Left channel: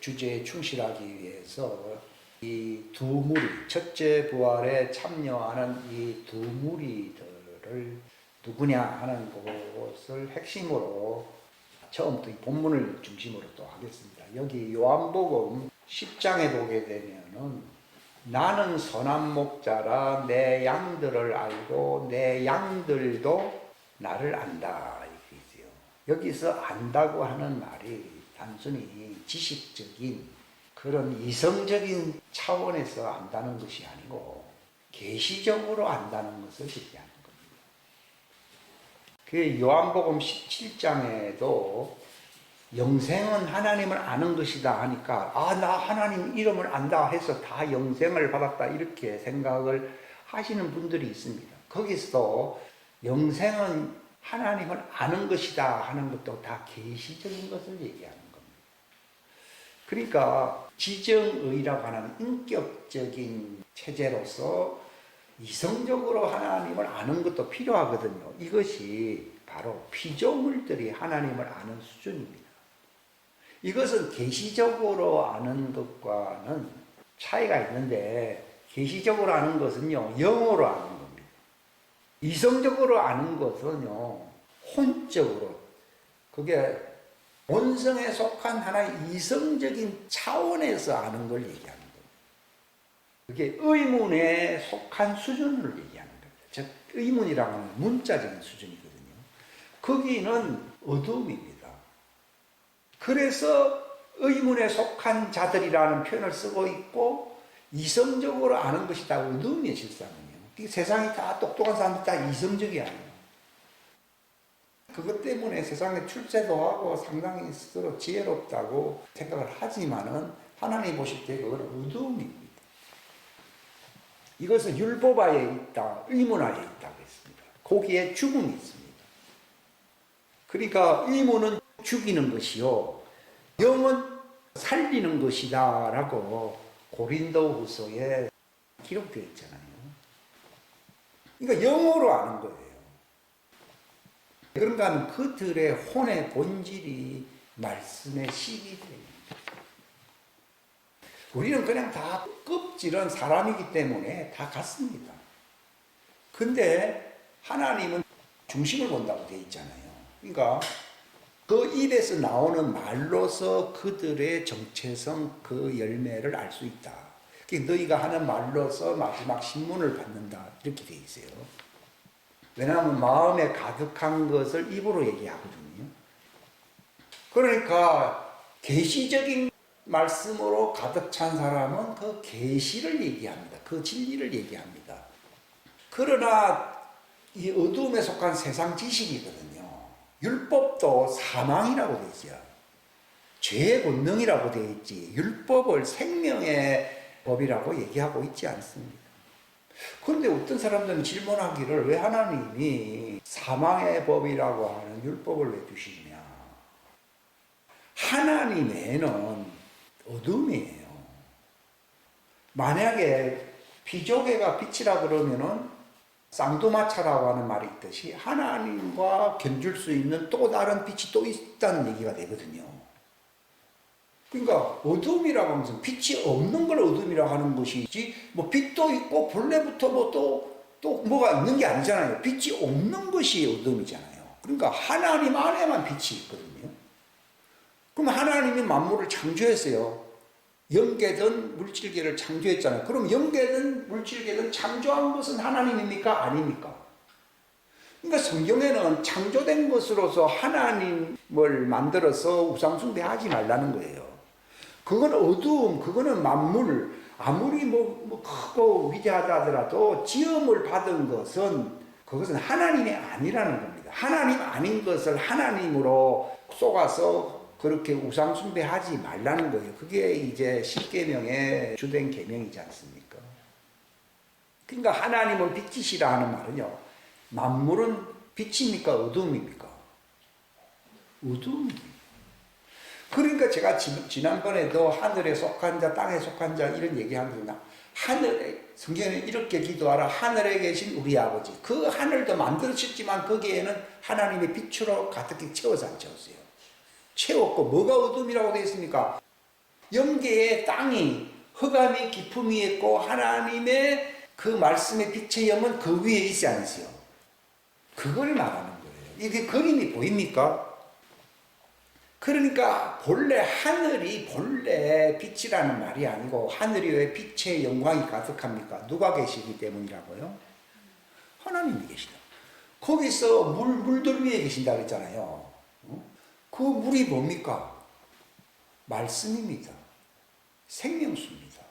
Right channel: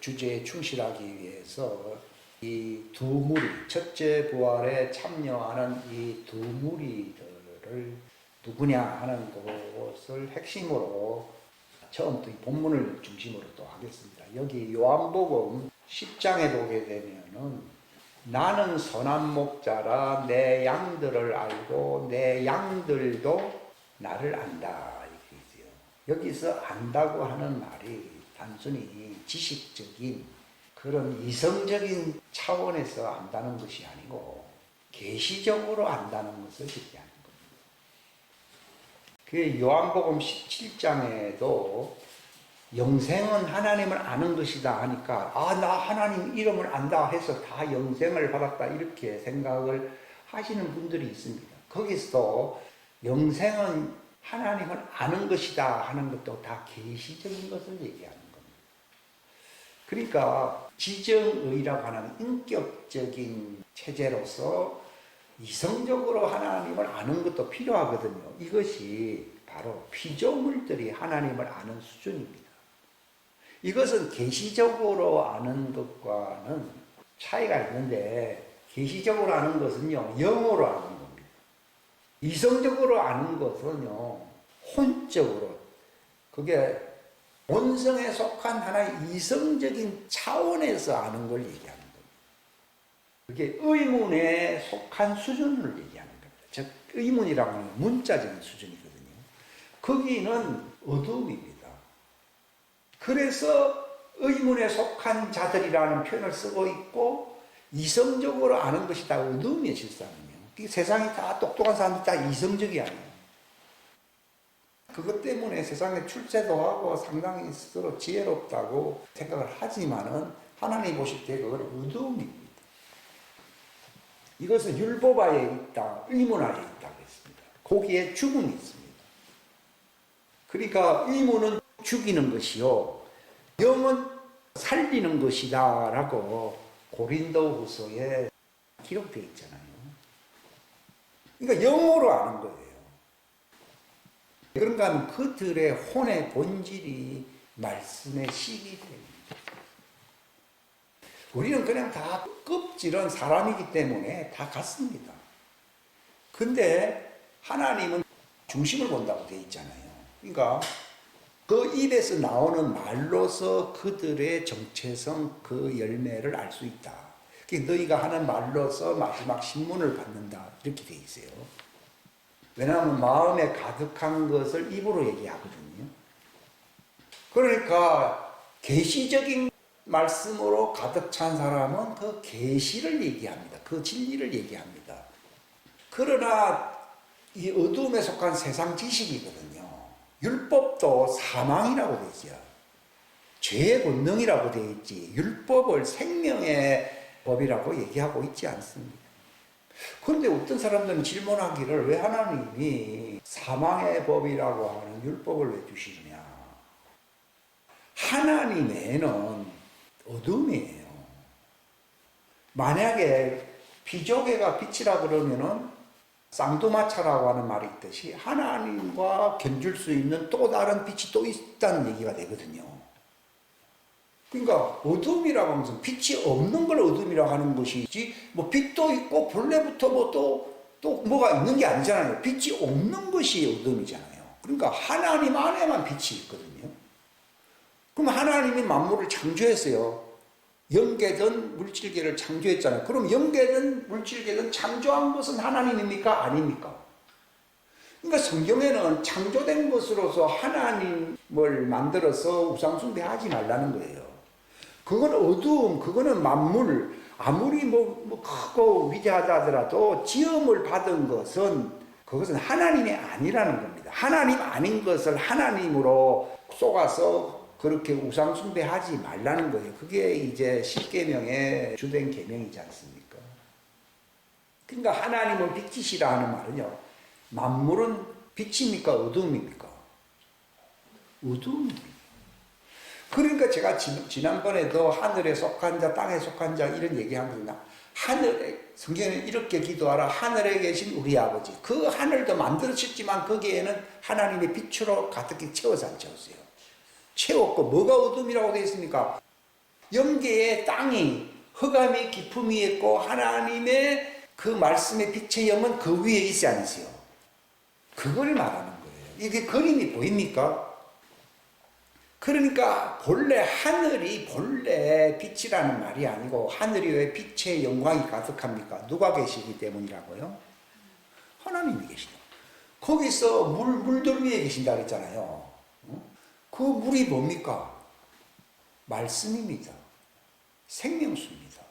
주제에 충실하기 위해서 이 두 무리, 첫째 부활에 참여하는 이 두 무리들을 누구냐 하는 것을 핵심으로 처음부터 이 본문을 중심으로 또 하겠습니다. 여기 요한복음 10장에 보게 되면은 나는 선한 목자라 내 양들을 알고 내 양들도 나를 안다 이렇게 있어요. 여기서 안다고 하는 말이 단순히 지식적인 그런 이성적인 차원에서 안다는 것이 아니고 계시적으로 안다는 것을 얘기하는 겁니다. 그 요한복음 17장에도 영생은 하나님을 아는 것이다 하니까 나 하나님 이름을 안다 해서 다 영생을 받았다 이렇게 생각을 하시는 분들이 있습니다. 거기서 영생은 하나님을 아는 것이다 하는 것도 다 계시적인 것을 얘기하는 겁니다. 그러니까 지정의라고 하는 인격적인 체제로서 이성적으로 하나님을 아는 것도 필요하거든요. 이것이 바로 피조물들이 하나님을 아는 수준입니다. 이것은 계시적으로 아는 것과는 차이가 있는데 계시적으로 아는 것은요 영으로 아는 겁니다. 이성적으로 아는 것은요 혼적으로 그게 본성에 속한 하나의 이성적인 차원에서 아는 걸 얘기하는 겁니다. 그게 의문에 속한 수준을 얘기하는 겁니다. 즉 의문이라고 하는 문자적인 수준이거든요. 거기는 어둠입니다. 그래서 의문에 속한 자들이라는 표현을 쓰고 있고 이성적으로 아는 것이 다 어둠이에요. 실상은요. 세상이 다 똑똑한 사람들이 다 이성적이 아니에요. 그것 때문에 세상에 출세도 하고 상당히 스스로 지혜롭다고 생각을 하지만은 하나님 보실 때 그건 어둠입니다. 이것은 율법하에 있다, 의문하에 있다고 했습니다. 거기에 죽음이 있습니다. 그러니까 의문은 죽이는 것이요 영은 살리는 것이다 라고 고린도후서에 기록되어 있잖아요. 그러니까 영으로 아는 거예요. 그런가 하면 그들의 혼의 본질이 말씀에 시기됩니다. 우리는 그냥 다 껍질은 사람이기 때문에 다 같습니다. 근데 하나님은 중심을 본다고 되어 있잖아요. 그러니까 그 입에서 나오는 말로서 그들의 정체성 그 열매를 알 수 있다. 너희가 하는 말로서 마지막 신문을 받는다. 이렇게 되어 있어요. 왜냐하면 마음에 가득한 것을 입으로 얘기하거든요. 그러니까 계시적인 말씀으로 가득 찬 사람은 그 계시를 얘기합니다. 그 진리를 얘기합니다. 그러나 이 어둠에 속한 세상 지식이거든요. 율법도 사망이라고 되어 있어요. 죄의 권능이라고 되어 있지 율법을 생명의 법이라고 얘기하고 있지 않습니다. 그런데 어떤 사람들은 질문하기를 왜 하나님이 사망의 법이라고 하는 율법을 왜 주시느냐. 하나님에는 어둠이에요. 만약에 피조개가 빛이라 그러면은 쌍두마차라고 하는 말이 있듯이 하나님과 견줄 수 있는 또 다른 빛이 또 있다는 얘기가 되거든요. 그러니까 어둠이라고 하면서 빛이 없는 걸 어둠이라고 하는 것이지 뭐 빛도 있고 본래부터 뭐 또 뭐가 있는 게 아니잖아요. 빛이 없는 것이 어둠이잖아요. 그러니까 하나님 안에만 빛이 있거든요. 그럼 하나님이 만물을 창조했어요. 영계든 물질계를 창조했잖아요. 그럼 영계든 물질계든 창조한 것은 하나님입니까? 아닙니까? 그러니까 성경에는 창조된 것으로서 하나님을 만들어서 우상숭배하지 말라는 거예요. 그건 어두움, 그거는 만물, 아무리 뭐 크고 위대하다 하더라도 지음을 받은 것은 그것은 하나님이 아니라는 겁니다. 하나님 아닌 것을 하나님으로 쏘아서 그렇게 우상숭배하지 말라는 거예요. 그게 이제 십계명의 주된 계명이지 않습니까? 그러니까 하나님은 빛이시라 하는 말은요. 만물은 빛입니까? 어둠입니까? 어둠입니다. 그러니까 제가 지난번에도 하늘에 속한 자, 땅에 속한 자 이런 얘기하면서 하늘에 성경에는 이렇게 기도하라. 하늘에 계신 우리 아버지. 그 하늘도 만들어졌지만 거기에는 하나님의 빛으로 가득히 채워서 안 채웠어요. 채웠고 뭐가 어둠이라고 되어 있습니까? 영계의 땅이 흑암이 깊음이 있고 하나님의 그 말씀의 빛의 영은 그 위에 있지 않으세요? 그걸 말하는 거예요. 이게 그림이 보입니까? 그러니까 본래 하늘이 본래 빛이라는 말이 아니고 하늘이 왜 빛의 영광이 가득합니까? 누가 계시기 때문이라고요? 하나님이 계시다. 거기서 물들 위에 계신다 그랬잖아요. 그 물이 뭡니까? 말씀입니다. 생명수입니다.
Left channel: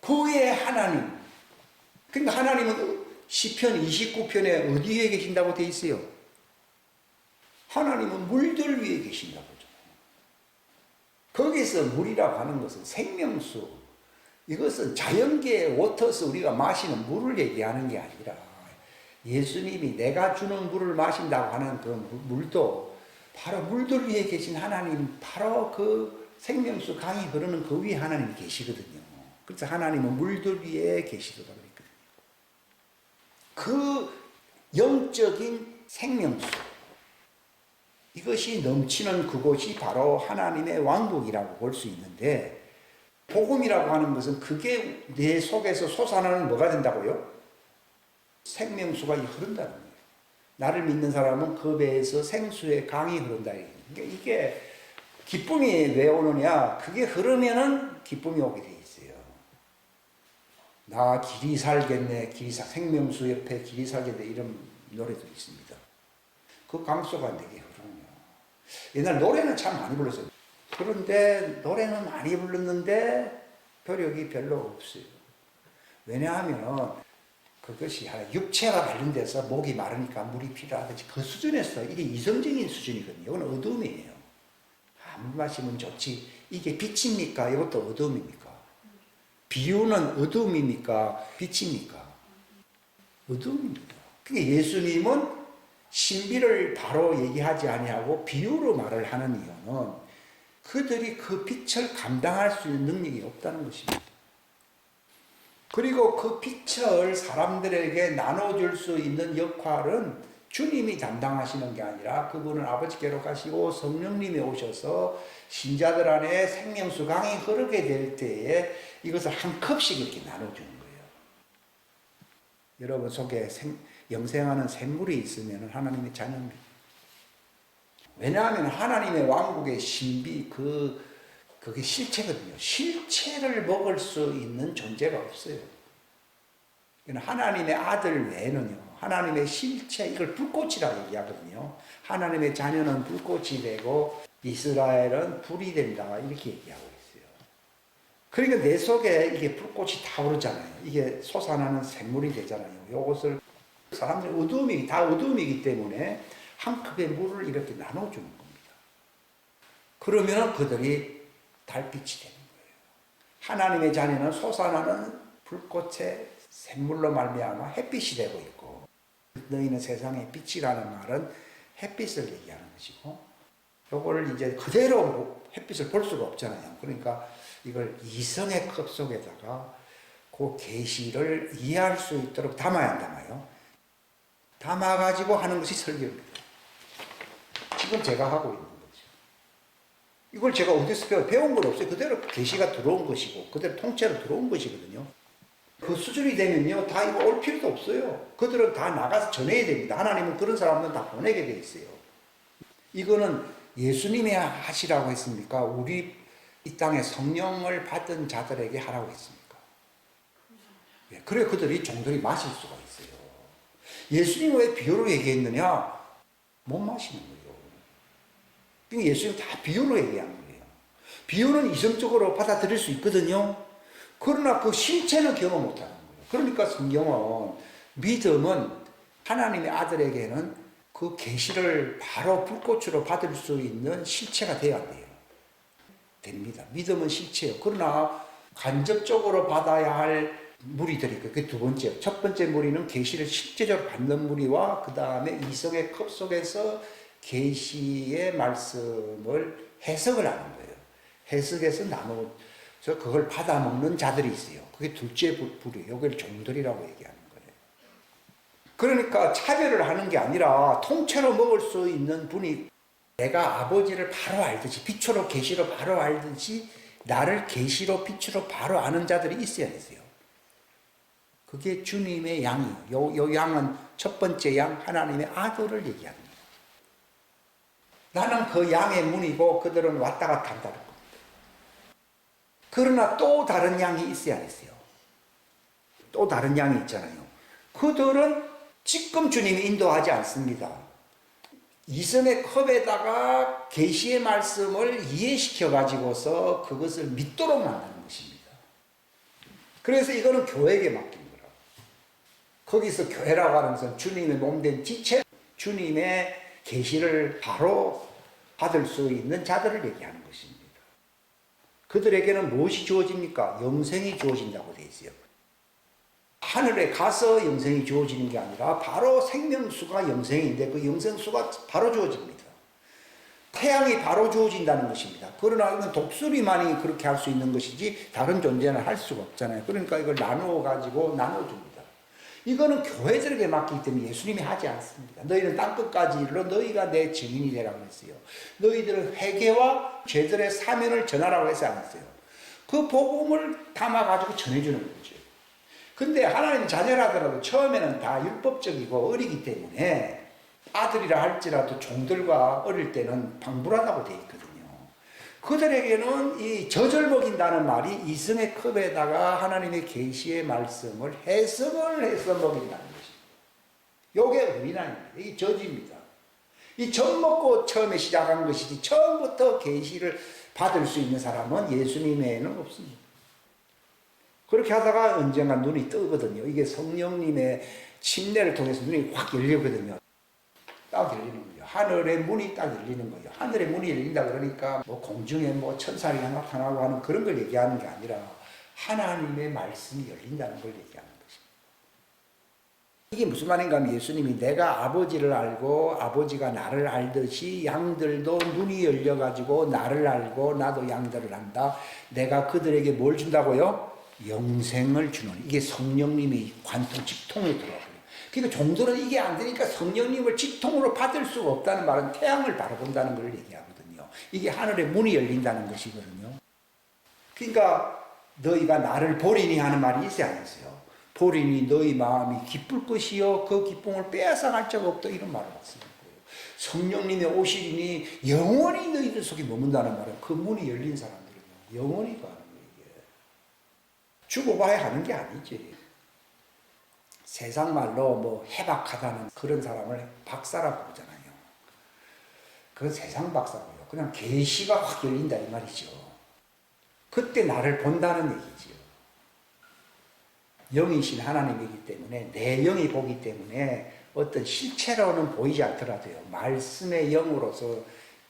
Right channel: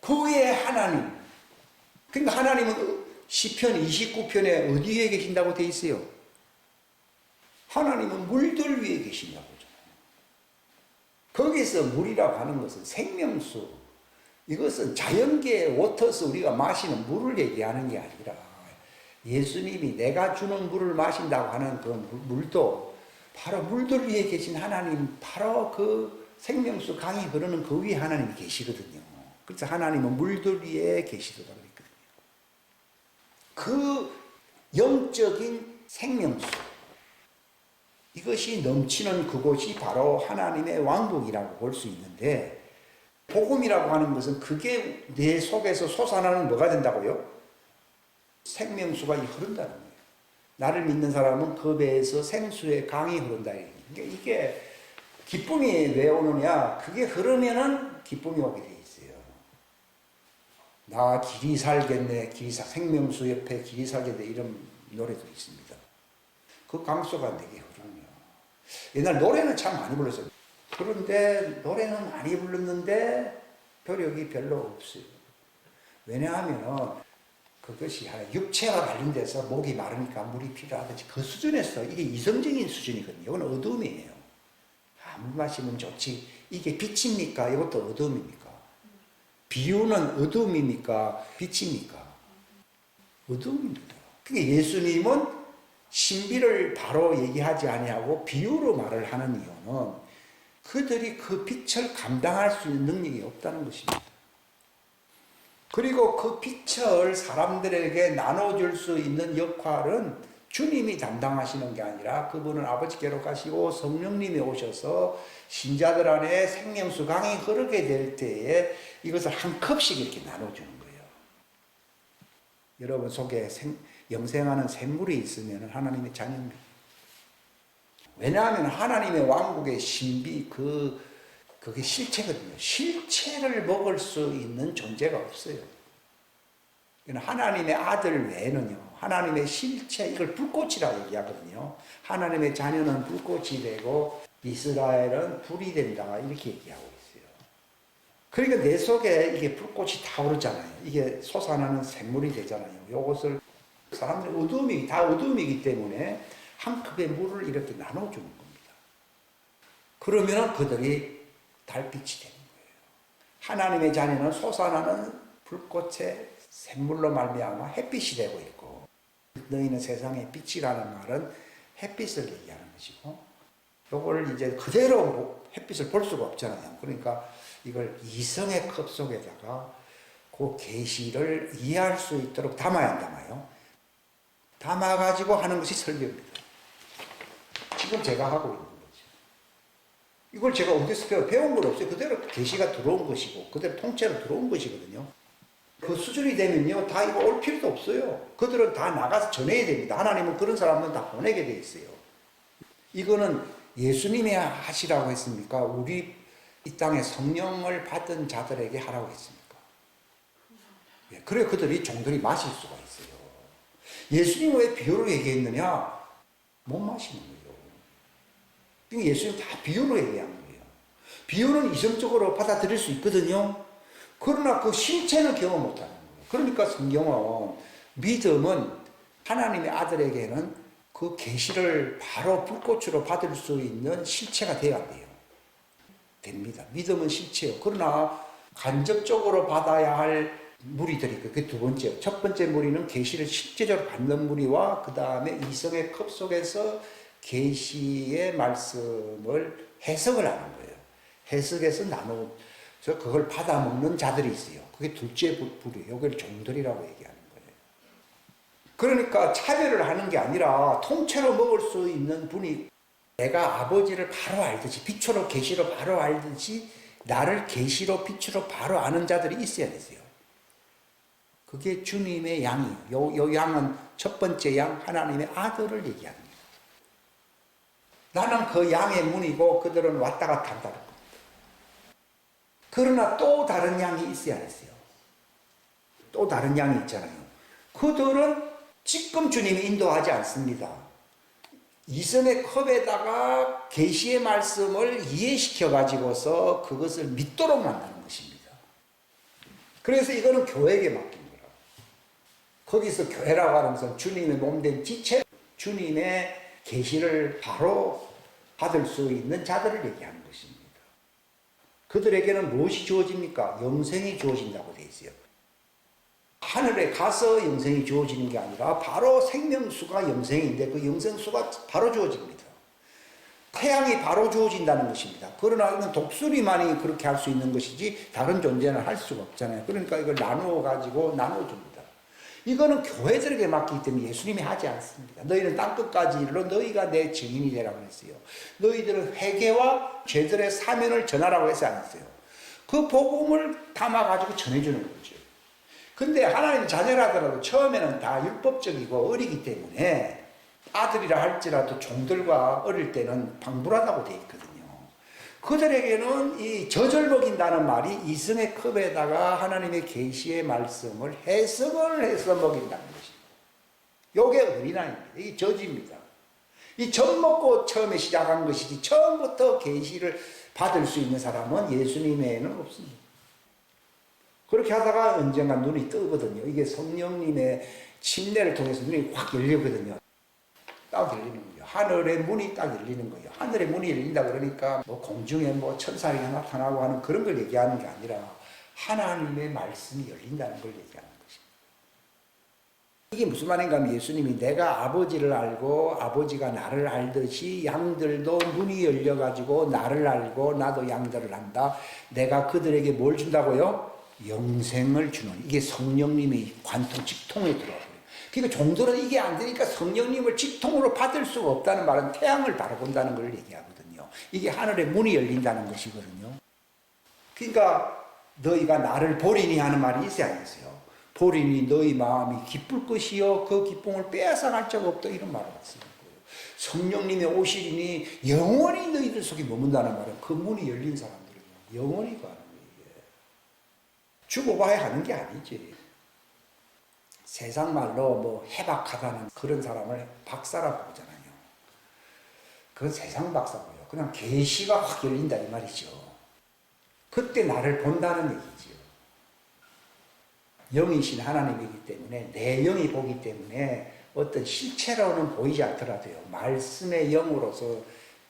그 위에 하나님. 그러니까 하나님은 시편 29편에 어디에 계신다고 되어 있어요? 하나님은 물들 위에 계신다고 하잖아요. 거기서 물이라고 하는 것은 생명수. 이것은 자연계의 워터스 우리가 마시는 물을 얘기하는 게 아니라 예수님이 내가 주는 물을 마신다고 하는 그 물도 바로 물들 위에 계신 하나님, 바로 그 생명수 강이 흐르는 그 위에 하나님이 계시거든요. 그래서 하나님은 물들 위에 계시도다 그랬거든요. 그 영적인 생명수, 이것이 넘치는 그곳이 바로 하나님의 왕국이라고 볼 수 있는데, 복음이라고 하는 것은 그게 내 속에서 솟아나는 뭐가 된다고요? 생명수가 흐른다는 거예요. 나를 믿는 사람은 그 배에서 생수의 강이 흐른다. 그러니까 이게 기쁨이 왜 오느냐? 그게 흐르면은 기쁨이 오게 돼 있어요. 나 길이 살겠네. 생명수 옆에 길이 살겠네. 이런 노래도 있습니다. 그 강수가 내게 흐르냐. 옛날 노래는 참 많이 불렀어요. 그런데 노래는 많이 불렀는데 효력이 별로 없어요. 왜냐하면 그것이 육체와 관련돼서 목이 마르니까 물이 필요하든지 그 수준에서 이게 이성적인 수준이거든요. 이건 어둠이에요. 물 마시면 좋지. 이게 빛입니까? 이것도 어둠입니까? 비유는 어둠입니까? 빛입니까? 어둠입니다. 그러니까 예수님은 신비를 바로 얘기하지 아니하고 비유로 말을 하는 이유는 그들이 그 빛을 감당할 수 있는 능력이 없다는 것입니다. 그리고 그 빛을 사람들에게 나눠줄 수 있는 역할은 주님이 담당하시는 게 아니라 그분은 아버지께로 가시고 성령님이 오셔서 신자들 안에 생명수 강이 흐르게 될 때에 이것을 한 컵씩 이렇게 나눠주는 거예요. 여러분 속에 영생하는 샘물이 있으면 하나님의 자녀입니다. 왜냐하면 하나님의 왕국의 신비 그게 실체거든요. 실체를 먹을 수 있는 존재가 없어요. 하나님의 아들 외에는요. 하나님의 실체, 이걸 불꽃이라 얘기하거든요. 하나님의 자녀는 불꽃이 되고 이스라엘은 불이 된다. 이렇게 얘기하고 있어요. 그러니까 내 속에 이게 불꽃이 타오르잖아요. 이게 솟아나는 샘물이 되잖아요. 이것을 사람들이 다 어둠이기 때문에 한 컵의 물을 이렇게 나눠주는 겁니다. 그러면 그들이 달빛이 되는 거예요. 하나님의 자녀는 솟아나는 불꽃의 샘물로 말미암아 햇빛이 되고 있고, 너희는 세상의 빛이라는 말은 햇빛을 얘기하는 것이고, 이걸 이제 그대로 햇빛을 볼 수가 없잖아요. 그러니까 이걸 이성의 컵 속에다가 그 계시를 이해할 수 있도록 담아야 한다마요. 담아가지고 하는 것이 설교입니다. 지금 제가 하고 있는 거죠. 이걸 제가 어디서 배운 건 없어요. 그대로 계시가 들어온 것이고 그대로 통째로 들어온 것이거든요. 그 수준이 되면요, 다 이거 올 필요도 없어요. 그들은 다 나가서 전해야 됩니다. 하나님은 그런 사람들은 다 보내게 돼 있어요. 이거는 예수님이 하시라고 했습니까? 우리 이 땅에 성령을 받은 자들에게 하라고 했습니까? 예, 그래 그들이 종들이 마실 수가 있어요. 예수님은 왜 비유로 얘기했느냐? 못 마시는 거예요. 그러니까 예수님 다 비유로 얘기한 거예요. 비유는 이성적으로 받아들일 수 있거든요. 그러나 그 실체는 경험 못하는 거예요. 그러니까 성경은 믿음은 하나님의 아들에게는 그 계시를 바로 불꽃으로 받을 수 있는 실체가 되어야 돼요. 됩니다. 믿음은 실체예요. 그러나 간접적으로 받아야 할 무리들이 그게 두 번째요. 첫 번째 무리는 계시를 실제적으로 받는 무리와 그 다음에 이성의 컵 속에서 계시의 말씀을 해석을 하는 거예요. 해석해서 나눠서 그걸 받아 먹는 자들이 있어요. 그게 둘째 부류예요. 이걸 종들이라고 얘기하는 거예요. 그러니까 차별을 하는 게 아니라 통째로 먹을 수 있는 분이 내가 아버지를 바로 알듯이 빛으로 계시로 바로 알듯이 나를 계시로 빛으로 바로 아는 자들이 있어야 됐어요. 그게 주님의 양이에요. 요 양은 첫 번째 양 하나님의 아들을 얘기합니다. 나는 그 양의 문이고 그들은 왔다 갔다 한다는 겁니다. 그러나 또 다른 양이 있어야 했어요. 또 다른 양이 있잖아요. 그들은 지금 주님이 인도하지 않습니다. 이성의 컵에다가 계시의 말씀을 이해시켜 가지고서 그것을 믿도록 만드는 것입니다. 그래서 이거는 교회에게 맡긴 거라고. 거기서 교회라고 하는 것은 주님의 몸된 지체, 주님의 계시를 바로 받을 수 있는 자들을 얘기하는 것입니다. 그들에게는 무엇이 주어집니까? 영생이 주어진다고 되어 있어요. 하늘에 가서 영생이 주어지는 게 아니라 바로 생명수가 영생인데 그 영생수가 바로 주어집니다. 태양이 바로 주어진다는 것입니다. 그러나 이건 독수리만이 그렇게 할 수 있는 것이지 다른 존재는 할 수가 없잖아요. 그러니까 이걸 나누어 가지고 나눠줍니다. 이거는 교회들에게 맡기기 때문에 예수님이 하지 않습니다. 너희는 땅끝까지 이르러 너희가 내 증인이 되라고 했어요. 너희들은 회개와 죄들의 사면을 전하라고 해서 안 했어요. 그 복음을 담아가지고 전해주는 거죠. 근데 하나님 자녀라더라도 처음에는 다 율법적이고 어리기 때문에 아들이라 할지라도 종들과 어릴 때는 방불하다고 되어 있거든요. 그들에게는 이 젖을 먹인다는 말이 이성의 컵에다가 하나님의 계시의 말씀을 해석을 해서 먹인다는 것입니다. 이게 어린아이입니다. 이게 젖입니다. 이 젖 먹고 처음에 시작한 것이지 처음부터 계시를 받을 수 있는 사람은 예수님 외에는 없습니다. 그렇게 하다가 언젠가 눈이 뜨거든요. 이게 성령님의 침례를 통해서 눈이 확 열리거든요. 딱 열리는 거예요. 하늘의 문이 딱 열리는 거예요. 하늘의 문이 열린다 그러니까 뭐 공중에 뭐 천사가 나타나고 하는 그런 걸 얘기하는 게 아니라 하나님의 말씀이 열린다는 걸 얘기하는 것입니다. 이게 무슨 말인가 하면 예수님이 내가 아버지를 알고 아버지가 나를 알듯이 양들도 눈이 열려가지고 나를 알고 나도 양들을 안다. 내가 그들에게 뭘 준다고요? 영생을 주는, 이게 성령님의 관통 직통에 들어와요. 그러니까 종들은 이게 안 되니까 성령님을 직통으로 받을 수가 없다는 말은 태양을 바라본다는 걸 얘기하거든요. 이게 하늘의 문이 열린다는 것이거든요. 그러니까 너희가 나를 보리니 하는 말이 있어야 안 있어요. 보리니 너희 마음이 기쁠 것이요 그 기쁨을 빼앗아갈 자가 없다, 이런 말을 쓰는 거예요. 성령님의 오시리니 영원히 너희들 속에 머문다는 말은 그 문이 열린 사람들은요 영원히 가는 거예요. 죽어봐야 하는 게 아니지. 세상 말로 뭐 해박하다는 그런 사람을 박사라고 그러잖아요. 그건 세상 박사고요. 그냥 계시가 확 열린다 이 말이죠. 그때 나를 본다는 얘기죠. 영이신 하나님이기 때문에 내 영이 보기 때문에 어떤 실체로는 보이지 않더라도요. 말씀의 영으로서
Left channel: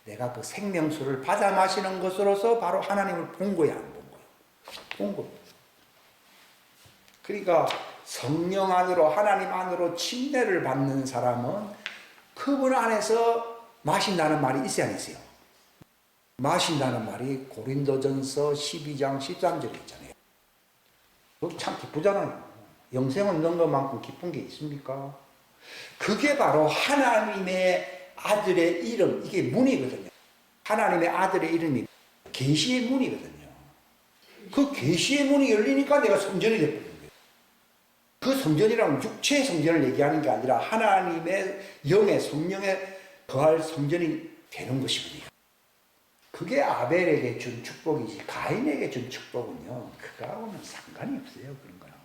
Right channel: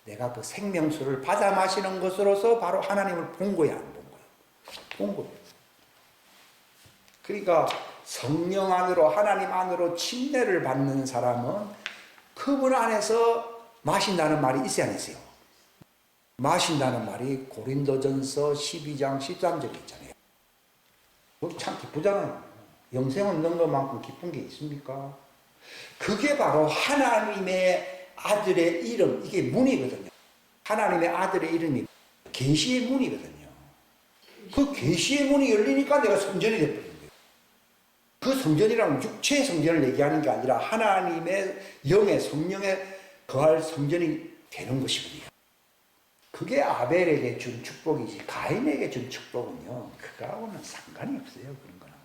내가 그 생명수를 받아 마시는 것으로서 바로 하나님을 본 거야, 안 본 거야? 본 거예요. 그러니까 성령 안으로 하나님 안으로 침례를 받는 사람은 그분 안에서 마신다는 말이 있어야 안 있어요. 마신다는 말이 고린도전서 12장 13절에 있잖아요. 그거 참 기쁘잖아요. 영생 얻는 것만큼 기쁜 게 있습니까? 그게 바로 하나님의 아들의 이름, 이게 문이거든요. 하나님의 아들의 이름이 계시의 문이거든요. 그 계시의 문이 열리니까 내가 성전이 됐거든요. 그 성전이란 육체의 성전을 얘기하는 게 아니라 하나님의 영의 성령에 거할 성전이 되는 것이거든요. 그게 아벨에게 준 축복이지 가인에게 준 축복은요 그거하고는 상관이 없어요. 그런 거랑은요.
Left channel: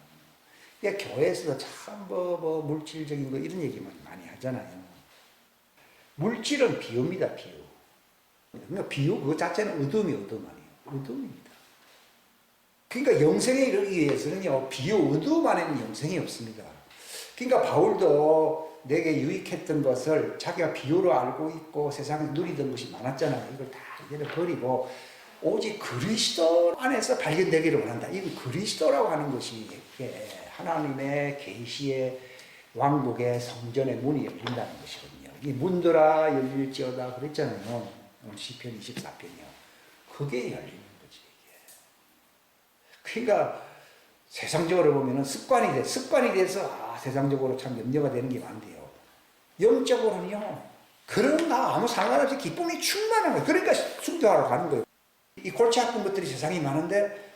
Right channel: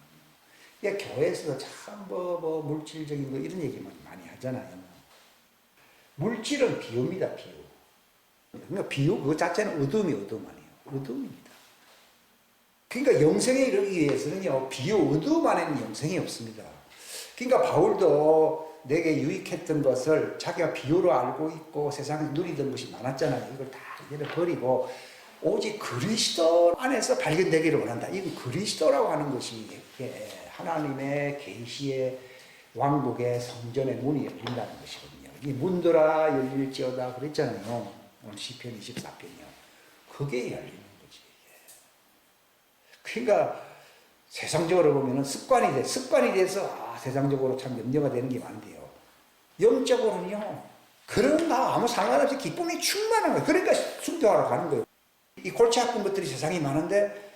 그러니까 교회에서도 참 물질적인 거 이런 얘기만 많이 하잖아요. 물질은 비유입니다. 비유. 그러니까 비유 그거 자체는 어둠이 어둠 아니에요. 어둠입니다. 그러니까 영생에 이르기 위해서는요 비유 어두움 안에는 영생이 없습니다. 그러니까 바울도 내게 유익했던 것을 자기가 비유로 알고 있고 세상에 누리던 것이 많았잖아요. 이걸 다 이제는 버리고 오직 그리스도 안에서 발견되기를 원한다. 이건 그리스도라고 하는 것이 하나님의 계시의 왕국의 성전의 문이 열린다는 것이거든요. 이 문들아 열릴지어다 그랬잖아요. 오늘 시편 24편이요. 그게 열리는 거지. 그러니까 세상적으로 보면은 습관이 돼서 세상적으로 참 염려가 되는 게 많은데요. 영적으로는요 그런가 아무 상관없이 기쁨이 충만한 거예요. 그러니까 순교하러 가는 거예요. 이 골치 아픈 것들이 세상에 많은데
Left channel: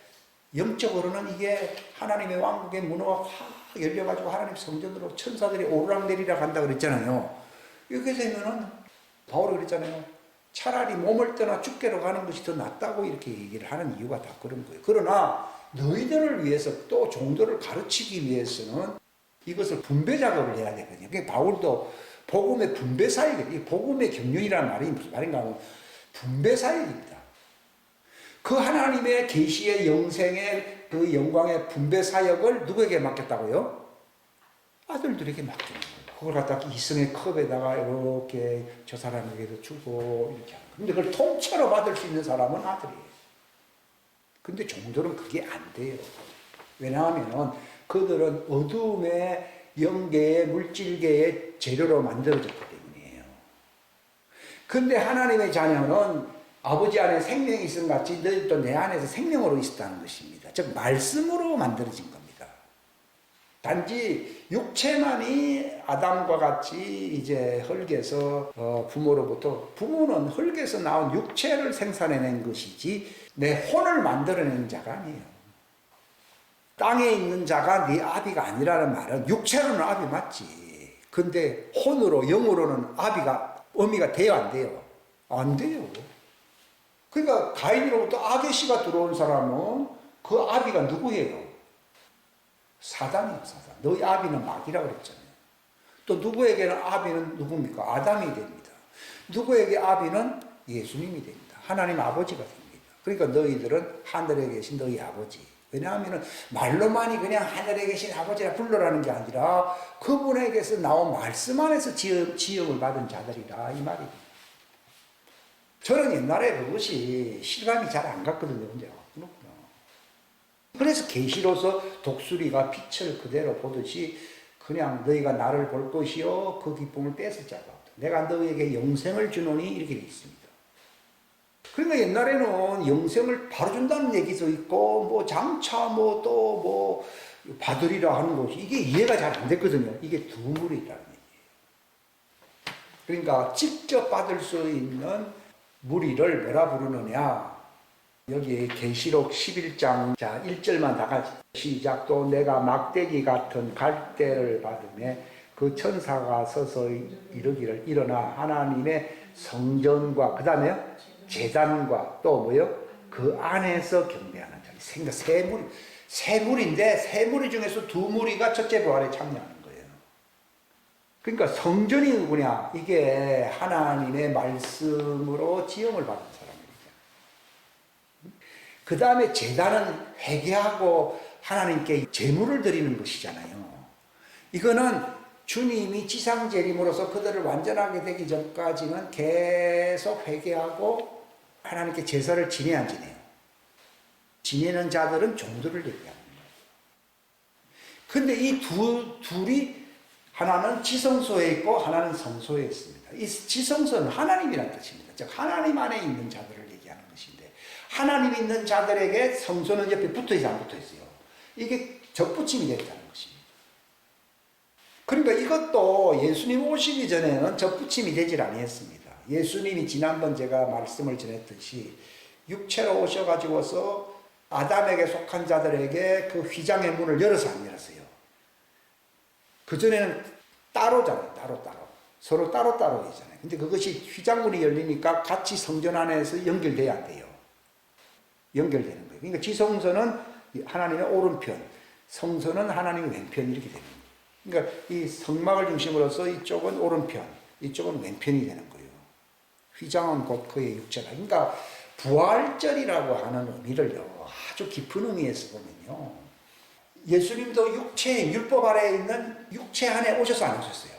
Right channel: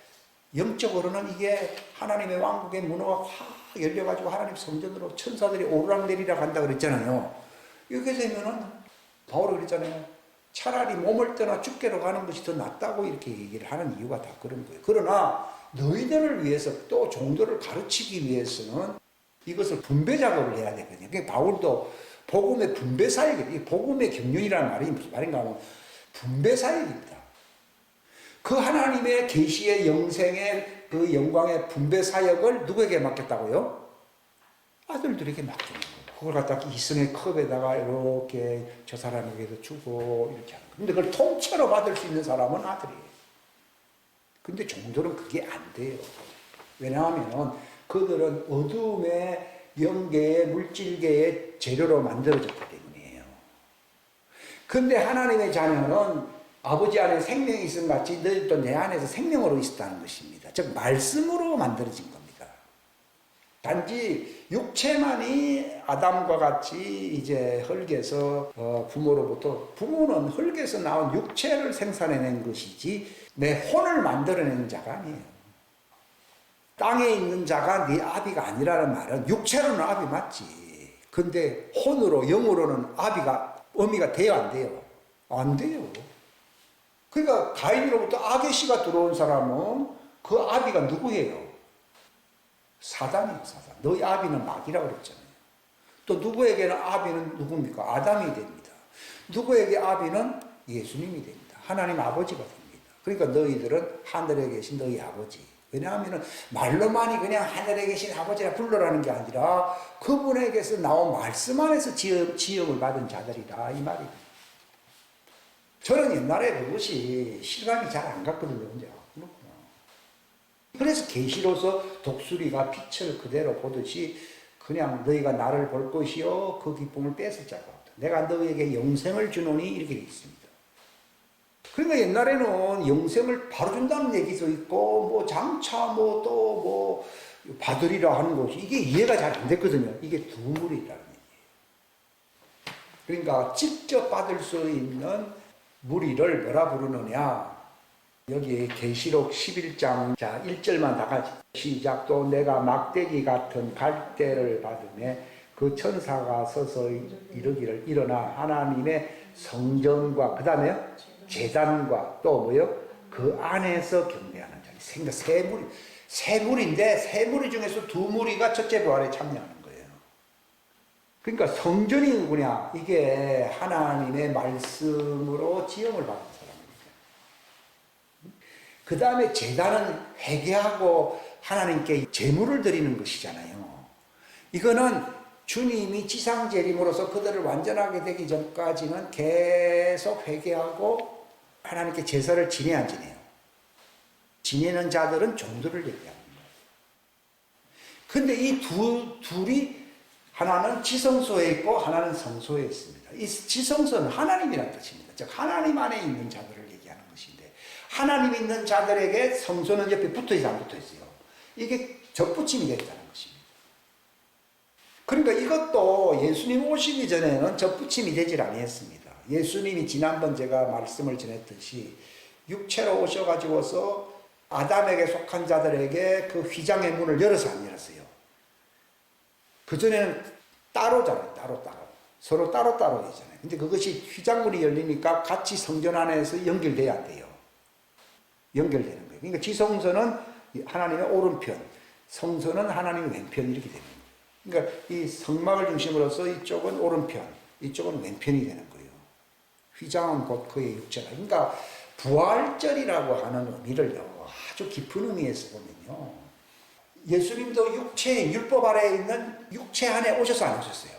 영적으로는 이게 하나님의 왕국의 문호가 확 열려가지고 하나님 성전으로 천사들이 오르락내리락 한다 그랬잖아요. 이렇게 되면은 바울이 그랬잖아요. 차라리 몸을 떠나 죽게로 가는 것이 더 낫다고 이렇게 얘기를 하는 이유가 다 그런 거예요. 그러나 너희들을 위해서 또 종들을 가르치기 위해서는 이것을 분배 작업을 해야 되거든요. 그러니까 바울도 복음의 분배 사역이에요. 복음의 경륜이라는 말이 무슨 말인가 하면 분배 사역입니다. 그 하나님의 계시의 영생의 그 영광의 분배 사역을 누구에게 맡겼다고요? 아들들에게 맡기는 거예요. 그걸 갖다가 이승의 컵에다가 이렇게 저 사람에게도 주고 이렇게 하는 거예요. 근데 그걸 통째로 받을 수 있는 사람은 아들이에요. 근데 종들은 그게 안 돼요. 왜냐하면 그들은 어둠의 영계의 물질계의 재료로 만들어졌기 때문이에요. 근데 하나님의 자녀는 아버지 안에 생명이 있음 같이 너희도 내 안에서 생명으로 있었다는 것입니다. 즉 말씀으로 만들어진 겁니다. 단지 육체만이 아담과 같이 이제 흙에서 부모는 흙에서 나온 육체를 생산해낸 것이지 내 혼을 만들어낸 자가 아니에요. 땅에 있는 자가 네 아비가 아니라는 말은 육체로는 아비 맞지. 근데 혼으로 영으로는 어미가 돼요 안 돼요? 안 돼요. 그러니까 가인으로부터 악의 씨가 들어온 사람은 그 아비가 누구예요? 사단이에요, 사단. 너희 아비는 마귀라고 그랬잖아요. 또 누구에게는 아비는 누굽니까? 아담이 됩니다. 누구에게 아비는 예수님이 됩니다. 하나님 아버지가 됩니다. 그러니까 너희들은 하늘에 계신 너희 아버지. 왜냐하면 말로만이 그냥 하늘에 계신 아버지라 불러라는 게 아니라 그분에게서 나온 말씀 안에서 지음을 받은 자들이라 이 말입니다. 저는 옛날에 그것이 실감이 잘 안 갔거든요. 근데 그렇구나. 그래서 계시로서 독수리가 빛을 그대로 보듯이 그냥 너희가 나를 볼 것이요 그 기쁨을 뺏을 자가 없다. 내가 너희에게 영생을 주노니 이렇게 되어 있습니다. 그러니까 옛날에는 영생을 바로 준다는 얘기도 있고 뭐 장차 또 받으리라 하는 것이 이게 이해가 잘 안 됐거든요. 이게 두물이라는 얘기예요. 그러니까 직접 받을 수 있는 무리를 뭐라 부르느냐. 여기 계시록 11장 자 1절만 다 같이 시작. 또 내가 막대기 같은 갈대를 받으매 그 천사가 서서 이르기를 일어나 하나님의 성전과 그 다음에요 제단과 또 뭐요 그 안에서 경배하는 자리. 생각 세 무리인데 세 무리 중에서 두 무리가 첫째 부활에 참여하는 거예요. 그러니까 성전이 누구냐? 이게 하나님의 말씀으로 지음을 받은 사람입니다. 그 다음에 제단은 회개하고 하나님께 제물을 드리는 것이잖아요. 이거는 주님이 지상재림으로서 그들을 완전하게 되기 전까지는 계속 회개하고 하나님께 제사를 지내야 지내요. 지내는 자들은 종들을 얘기하는 거예요. 근데 이 둘이 하나는 지성소에 있고 하나는 성소에 있습니다. 이 지성소는 하나님이라는 뜻입니다. 즉 하나님 안에 있는 자들을 얘기하는 것인데 하나님 있는 자들에게 성소는 옆에 붙어있어 안 붙어있어요? 이게 접붙임이 됐다는 것입니다. 그러니까 이것도 예수님 오시기 전에는 접붙임이 되질 아니했습니다. 예수님이 지난번 제가 말씀을 전했듯이 육체로 오셔가지고서 아담에게 속한 자들에게 그 휘장의 문을 열어서 안 열었어요. 그전에는 따로잖아요. 따로. 서로 따로이잖아요. 근데 그것이 휘장문이 열리니까 같이 성전 안에서 연결돼야 안 돼요. 연결되는 거예요. 그러니까 지성소는 하나님의 오른편, 성소는 하나님의 왼편 이렇게 되는 거예요. 그러니까 이 성막을 중심으로서 이쪽은 오른편, 이쪽은 왼편이 되는 거예요. 휘장은 곧 그의 육체다. 그러니까 부활절이라고 하는 의미를요, 아주 깊은 의미에서 보면요. 예수님도 육체인 율법 아래에 있는 육체 안에 오셔서 안 오셨어요.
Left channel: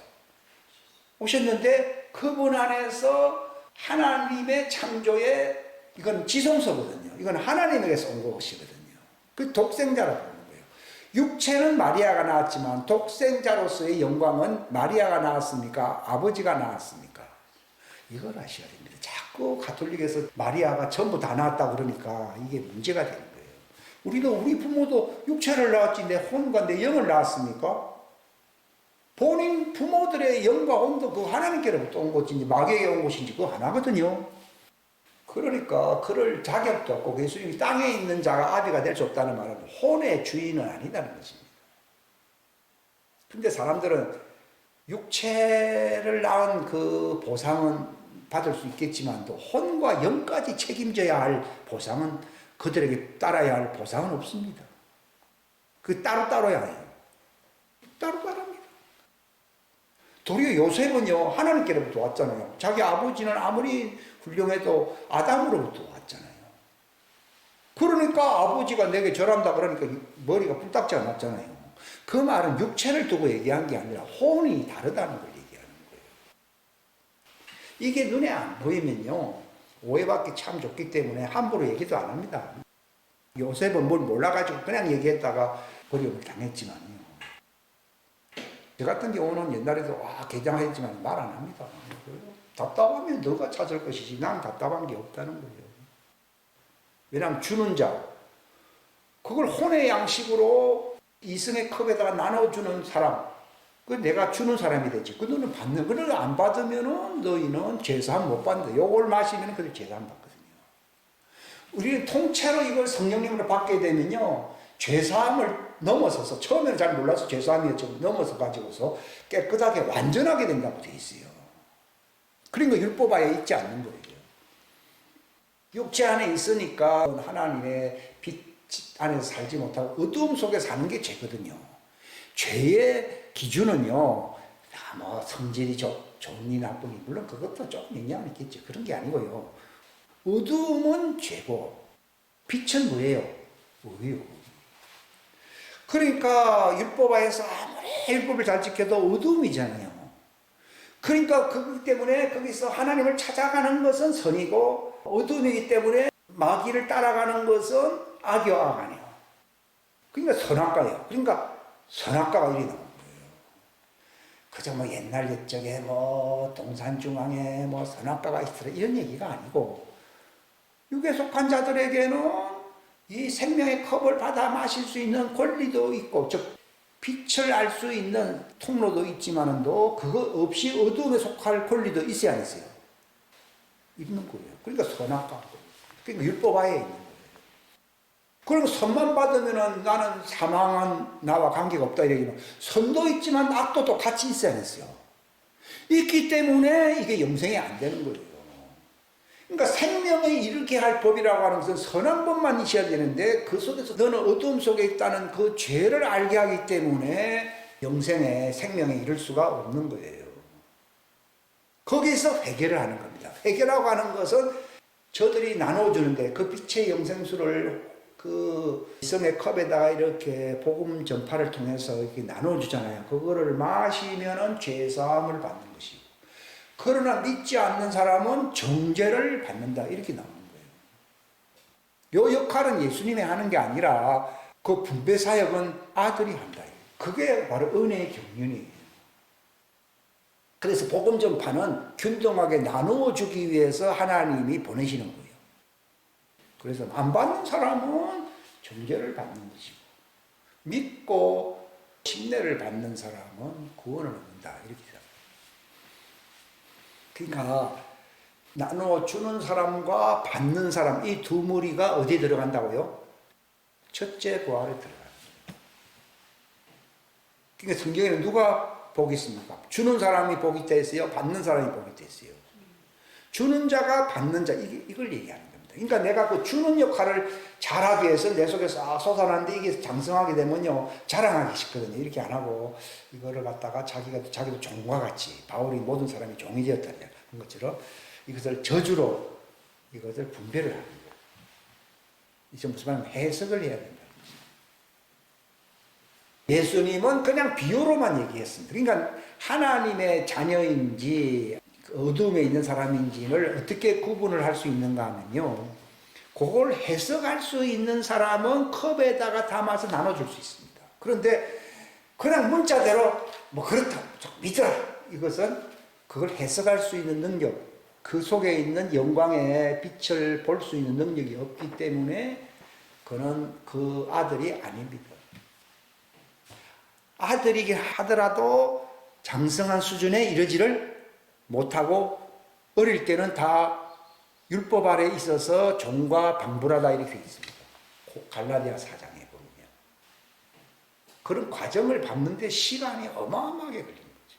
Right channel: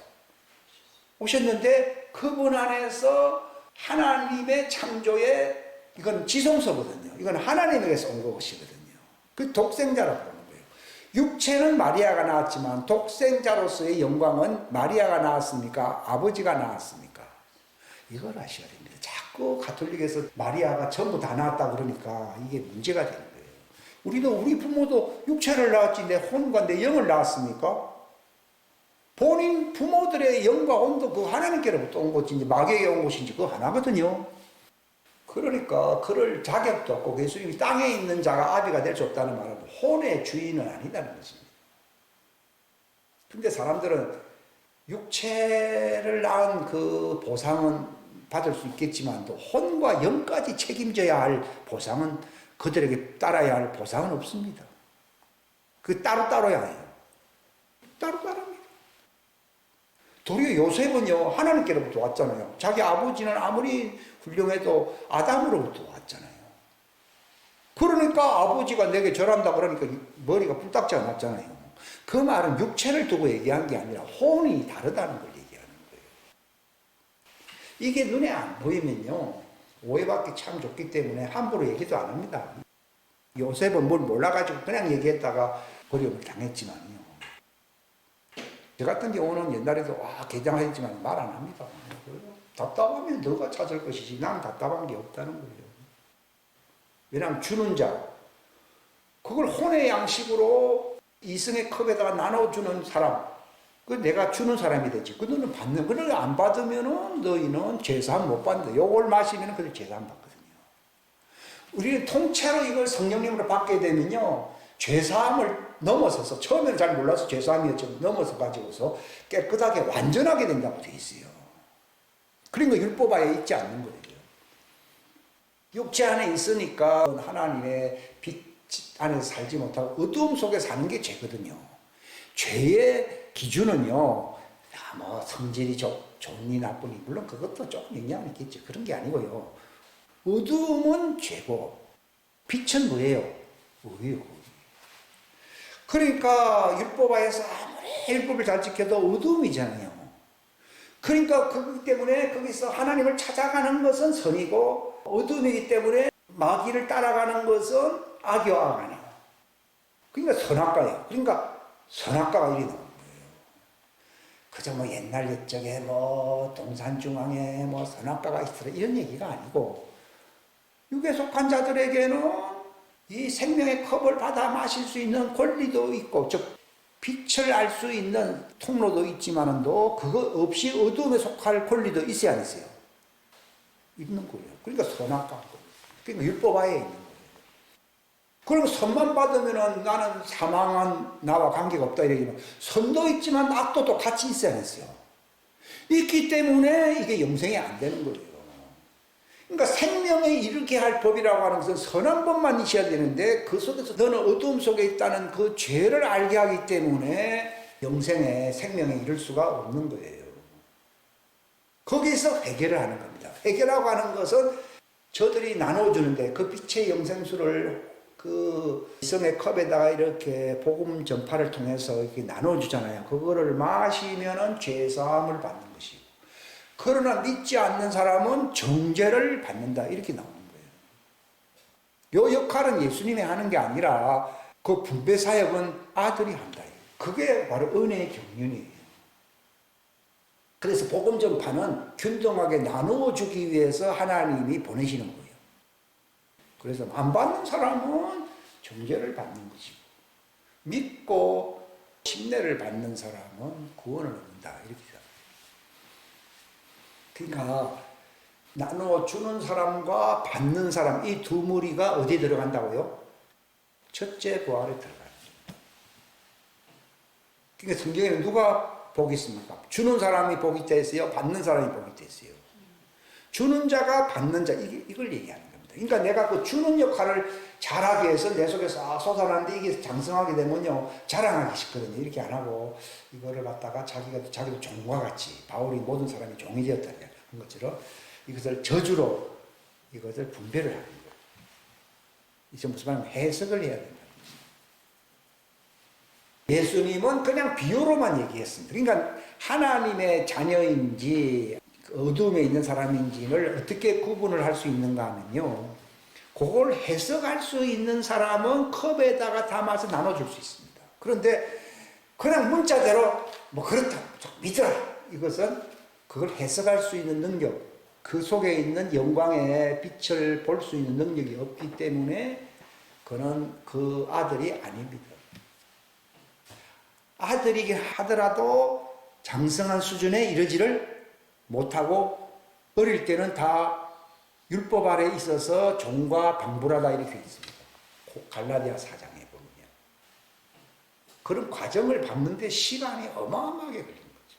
오셨는데 그분 안에서 하나님의 창조의 이건 지성소거든요. 이건 하나님에게서 온 것이거든요. 그 독생자라고 부르는 거예요. 육체는 마리아가 낳았지만 독생자로서의 영광은 마리아가 낳았습니까? 아버지가 낳았습니까? 이걸 아셔야 됩니다. 자꾸 가톨릭에서 마리아가 전부 다 낳았다 그러니까 이게 문제가 되는 거예요. 우리 부모도 육체를 낳았지 내 혼과 내 영을 낳았습니까? 본인 부모들의 영과 온도 그 하나님께로부터 온 것인지 마귀에게 온 것인지 그거 하나거든요. 그러니까 그럴 자격도 없고 예수님이 땅에 있는 자가 아비가 될 수 없다는 말은 혼의 주인은 아니다는 것입니다. 근데 사람들은 육체를 낳은 그 보상은 받을 수 있겠지만도 혼과 영까지 책임져야 할 보상은 그들에게 따라야 할 보상은 없습니다. 그 따로따로야 해요. 따로따로입니다. 도리어 요셉은요 하나님께로부터 왔잖아요. 자기 아버지는 아무리 훌륭해도 아담으로부터 왔잖아요. 그러니까 아버지가 내게 절한다 그러니까 머리가 뿔딱지가 났잖아요. 그 말은 육체를 두고 얘기한 게 아니라 혼이 다르다는 걸 얘기하는 거예요. 이게 눈에 안 보이면요 오해받기 참 좋기 때문에 함부로 얘기도 안 합니다. 요셉은 뭘 몰라가지고 그냥 얘기했다가 어려움을 당했지만요. 저 같은 경우는 옛날에도 개장했지만 말 안 합니다. 답답하면 너가 찾을 것이지 난 답답한 게 없다는 거예요. 왜냐하면 주는 자 그걸 혼의 양식으로 이승의 컵에다가 나눠주는 사람 그 내가 주는 사람이 되지. 그 너는 받는 그걸 안 받으면은 너희는 제사함 못 받는다. 요걸 마시면 그들 제사함 받거든요. 우리는 통째로 이걸 성령님으로 받게 되면요 죄사함을 넘어서서 처음에는 잘 몰라서 죄사함이었죠. 넘어서 가지고서 깨끗하게 완전하게 된다고 돼 있어요. 그러니까 율법하에 있지 않는 거예요. 육체 안에 있으니까 하나님의 빛 안에서 살지 못하고 어두움 속에 사는 게 죄거든요. 죄의 기준은요 뭐 성질이 좋니 나쁘니 물론 그것도 조금 영향이 있겠죠. 그런 게 아니고요. 어두움은 죄고 빛은 뭐예요? 의요. 그러니까 율법하에서 아무리 율법을 잘 지켜도 어두움이잖아요. 그러니까 그렇기 때문에 거기서 하나님을 찾아가는 것은 선이고 어두움이기 때문에 마귀를 따라가는 것은 악이요 악 아니에요. 그러니까 선악과예요. 그러니까 선악과가 이리 나오는 거예요. 그저 뭐 옛날 옛적에 뭐 동산중앙에 뭐 선악과가 있더라 이런 얘기가 아니고 육에 속한 자들에게는 이 생명의 컵을 받아 마실 수 있는 권리도 있고 즉 빛을 알 수 있는 통로도 있지만은도 그거 없이 어두움에 속할 권리도 있어야 안 있어요? 있는 거예요. 그러니까 선악과 그러니까 율법하에 있는 거예요. 그럼 선만 받으면은 나는 사망한 나와 관계가 없다 이러지만 선도 있지만 악도 또 같이 있어야 했어요. 있기 때문에 이게 영생이 안 되는 거예요. 그러니까 생명에 이르게 할 법이라고 하는 것은 선한 법만 있어야 되는데 그 속에서 너는 어두움 속에 있다는 그 죄를 알게 하기 때문에 영생에 생명에 이를 수가 없는 거예요. 거기서 회개를 하는 겁니다. 회개라고 하는 것은 저들이 나눠주는데 그 빛의 영생수를 그 이성의 컵에다가 이렇게 복음 전파를 통해서 이렇게 나눠주잖아요. 그거를 마시면은 죄사함을 받는 것이고 그러나 믿지 않는 사람은 정죄를 받는다 이렇게 나오는 거예요. 이 역할은 예수님이 하는 게 아니라 그 분배 사역은 아들이 한다. 그게 바로 은혜의 경륜이에요. 그래서 복음 전파는 균등하게 나누어 주기 위해서 하나님이 보내시는 거예요. 그래서 안 받는 사람은 정죄를 받는 것이고 믿고 침례를 받는 사람은 구원을 얻는다 이렇게 생각합니다. 그러니까 나누어 주는 사람과 받는 사람 이 두 무리가 어디에 들어간다고요? 첫째 부활에 들어가는 거예요. 그러니까 성경에는 누가 복이 있습니까? 주는 사람이 복이 있다 했어요? 받는 사람이 복이 있다 했어요? 주는 자가 받는 자 이걸 얘기하는 겁니다. 그러니까 내가 그 주는 역할을 잘하기 위해서 내 속에서 솟아나는데 이게 장성하게 되면요 자랑하기 쉽거든요. 이렇게 안 하고 이거를 갖다가 자기도 종과 같이 바울이 모든 사람이 종이 되었다는 것처럼 이것을 저주로 이것을 분별을 하는 거예요. 이제 무슨 말이냐면 해석을 해야 된다는 거죠. 예수님은 그냥 비유로만 얘기했습니다. 그러니까 하나님의 자녀인지 어둠에 있는 사람인지를 어떻게 구분을 할 수 있는가 하면요. 그걸 해석할 수 있는 사람은 컵에다가 담아서 나눠줄 수 있습니다. 그런데 그냥 문자대로 뭐 그렇다, 믿어라. 이것은 그걸 해석할 수 있는 능력, 그 속에 있는 영광의 빛을 볼 수 있는 능력이 없기 때문에 그는 그 아들이 아닙니다. 아들이긴 하더라도 장성한 수준에 이르지를 못하고 어릴 때는 다 율법 아래 있어서 종과 방불하다 이렇게 있습니다. 갈라디아 4장에 보면요. 그런 과정을 밟는데 시간이 어마어마하게 걸린 거죠.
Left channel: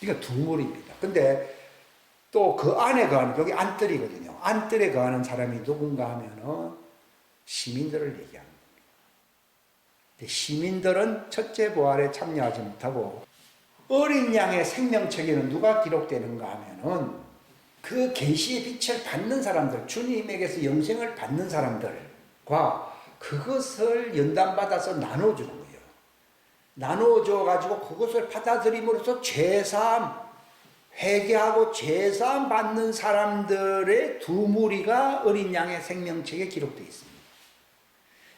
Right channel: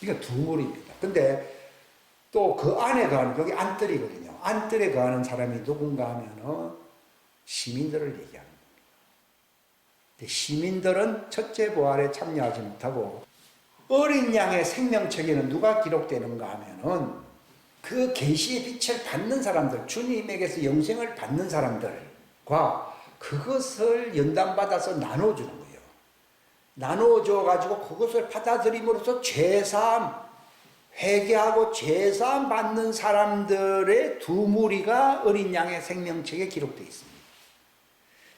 이게 두물입니다. 근데 또 그 안에 거하는, 여기 안뜰이거든요. 안뜰에 거하는 사람이 누군가 하면은 시민들을 얘기하는 겁니다. 근데 시민들은 첫째 부활에 참여하지 못하고 어린 양의 생명책에는 누가 기록되는가 하면은 그 계시의 빛을 받는 사람들, 주님에게서 영생을 받는 사람들과 그것을 연단받아서 나눠주는 거예요. 나눠줘가지고 그것을 받아들임으로써 죄사함, 회개하고 죄사함 받는 사람들의 두 무리가 어린 양의 생명책에 기록되어 있습니다.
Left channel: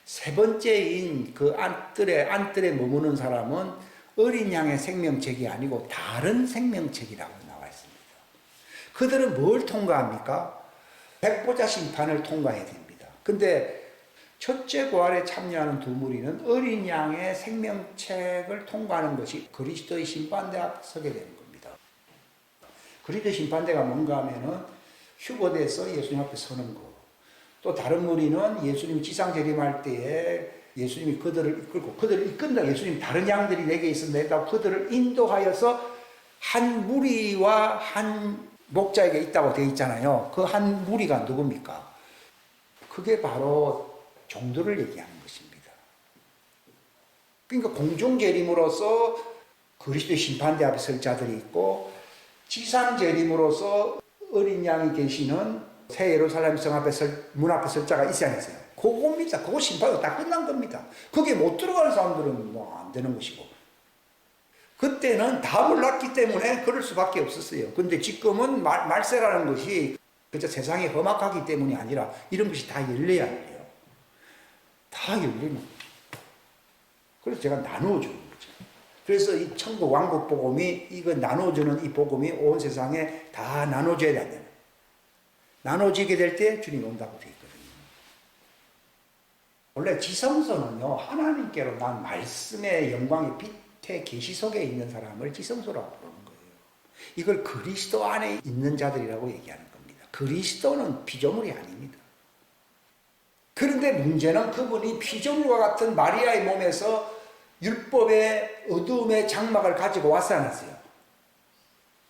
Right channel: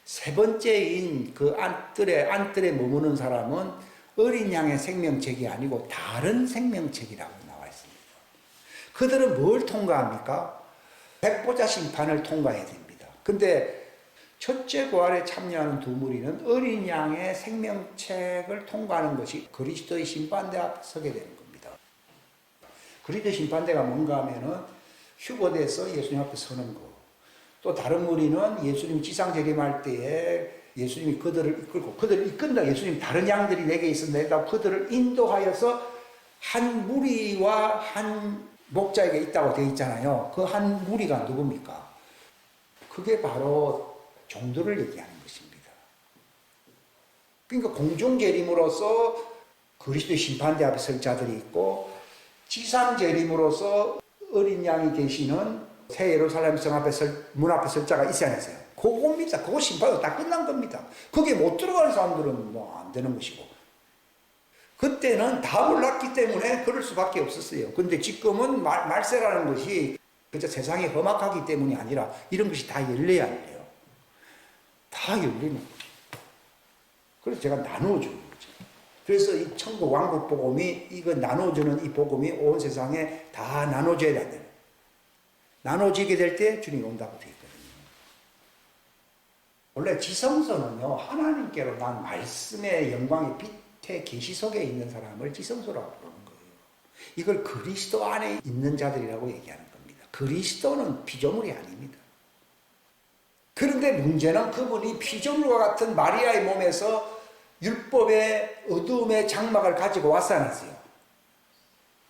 세 번째인 그 안뜰에 머무는 사람은 어린 양의 생명책이 아니고 다른 생명책이라고 나와 있습니다. 그들은 뭘 통과합니까? 백보자 심판을 통과해야 됩니다. 근데 첫째 부활에 참여하는 두 무리는 어린 양의 생명책을 통과하는 것이 그리스도의 심판대 앞에 서게 되는 겁니다. 그리스도 심판대가 뭔가 하면은 휴거돼서 예수님 앞에 서는 거. 또 다른 무리는 예수님이 지상재림할 때에 예수님이 그들을 이끌고, 그들을 이끈다. 예수님 다른 양들이 내게 있었는데 그들을 인도하여서 한 무리와 한 목자에게 있다고 되어 있잖아요. 그 한 무리가 누굽니까? 그게 바로 종들을 얘기하는 것입니다. 그러니까 공중재림으로서 그리스도의 심판대 앞에 설 자들이 있고, 지상재림으로서 어린 양이 계시는 새 예루살렘 성 앞에 문 앞에 설 자가 있어야 했어요. 그겁니다. 그거 심판이 다 끝난 겁니다. 거기에 못 들어가는 사람들은 뭐 안 되는 것이고. 그때는 다 몰랐기 때문에 그럴 수밖에 없었어요. 근데 지금은 말세라는 것이 그저 세상이 험악하기 때문이 아니라 이런 것이 다 열려야 해요. 다 열리는 거죠. 그래서 제가 나눠주는 거죠. 그래서 이 천국 왕국 복음이, 이거 나눠주는 이 복음이 온 세상에 다 나눠져야 된다는. 나눠지게 될 때 주님이 온다고 되어 있거든요. 원래 지성소는요, 하나님께로 난 말씀의 영광의 빛의 계시 속에 있는 사람을 지성소라고 부르는 거예요. 이걸 그리스도 안에 있는 자들이라고 얘기하는 겁니다. 그리스도는 피조물이 아닙니다. 그런데 문제는 그분이 피조물과 같은 마리아의 몸에서 율법의 어두움의 장막을 가지고 왔지 않았어요.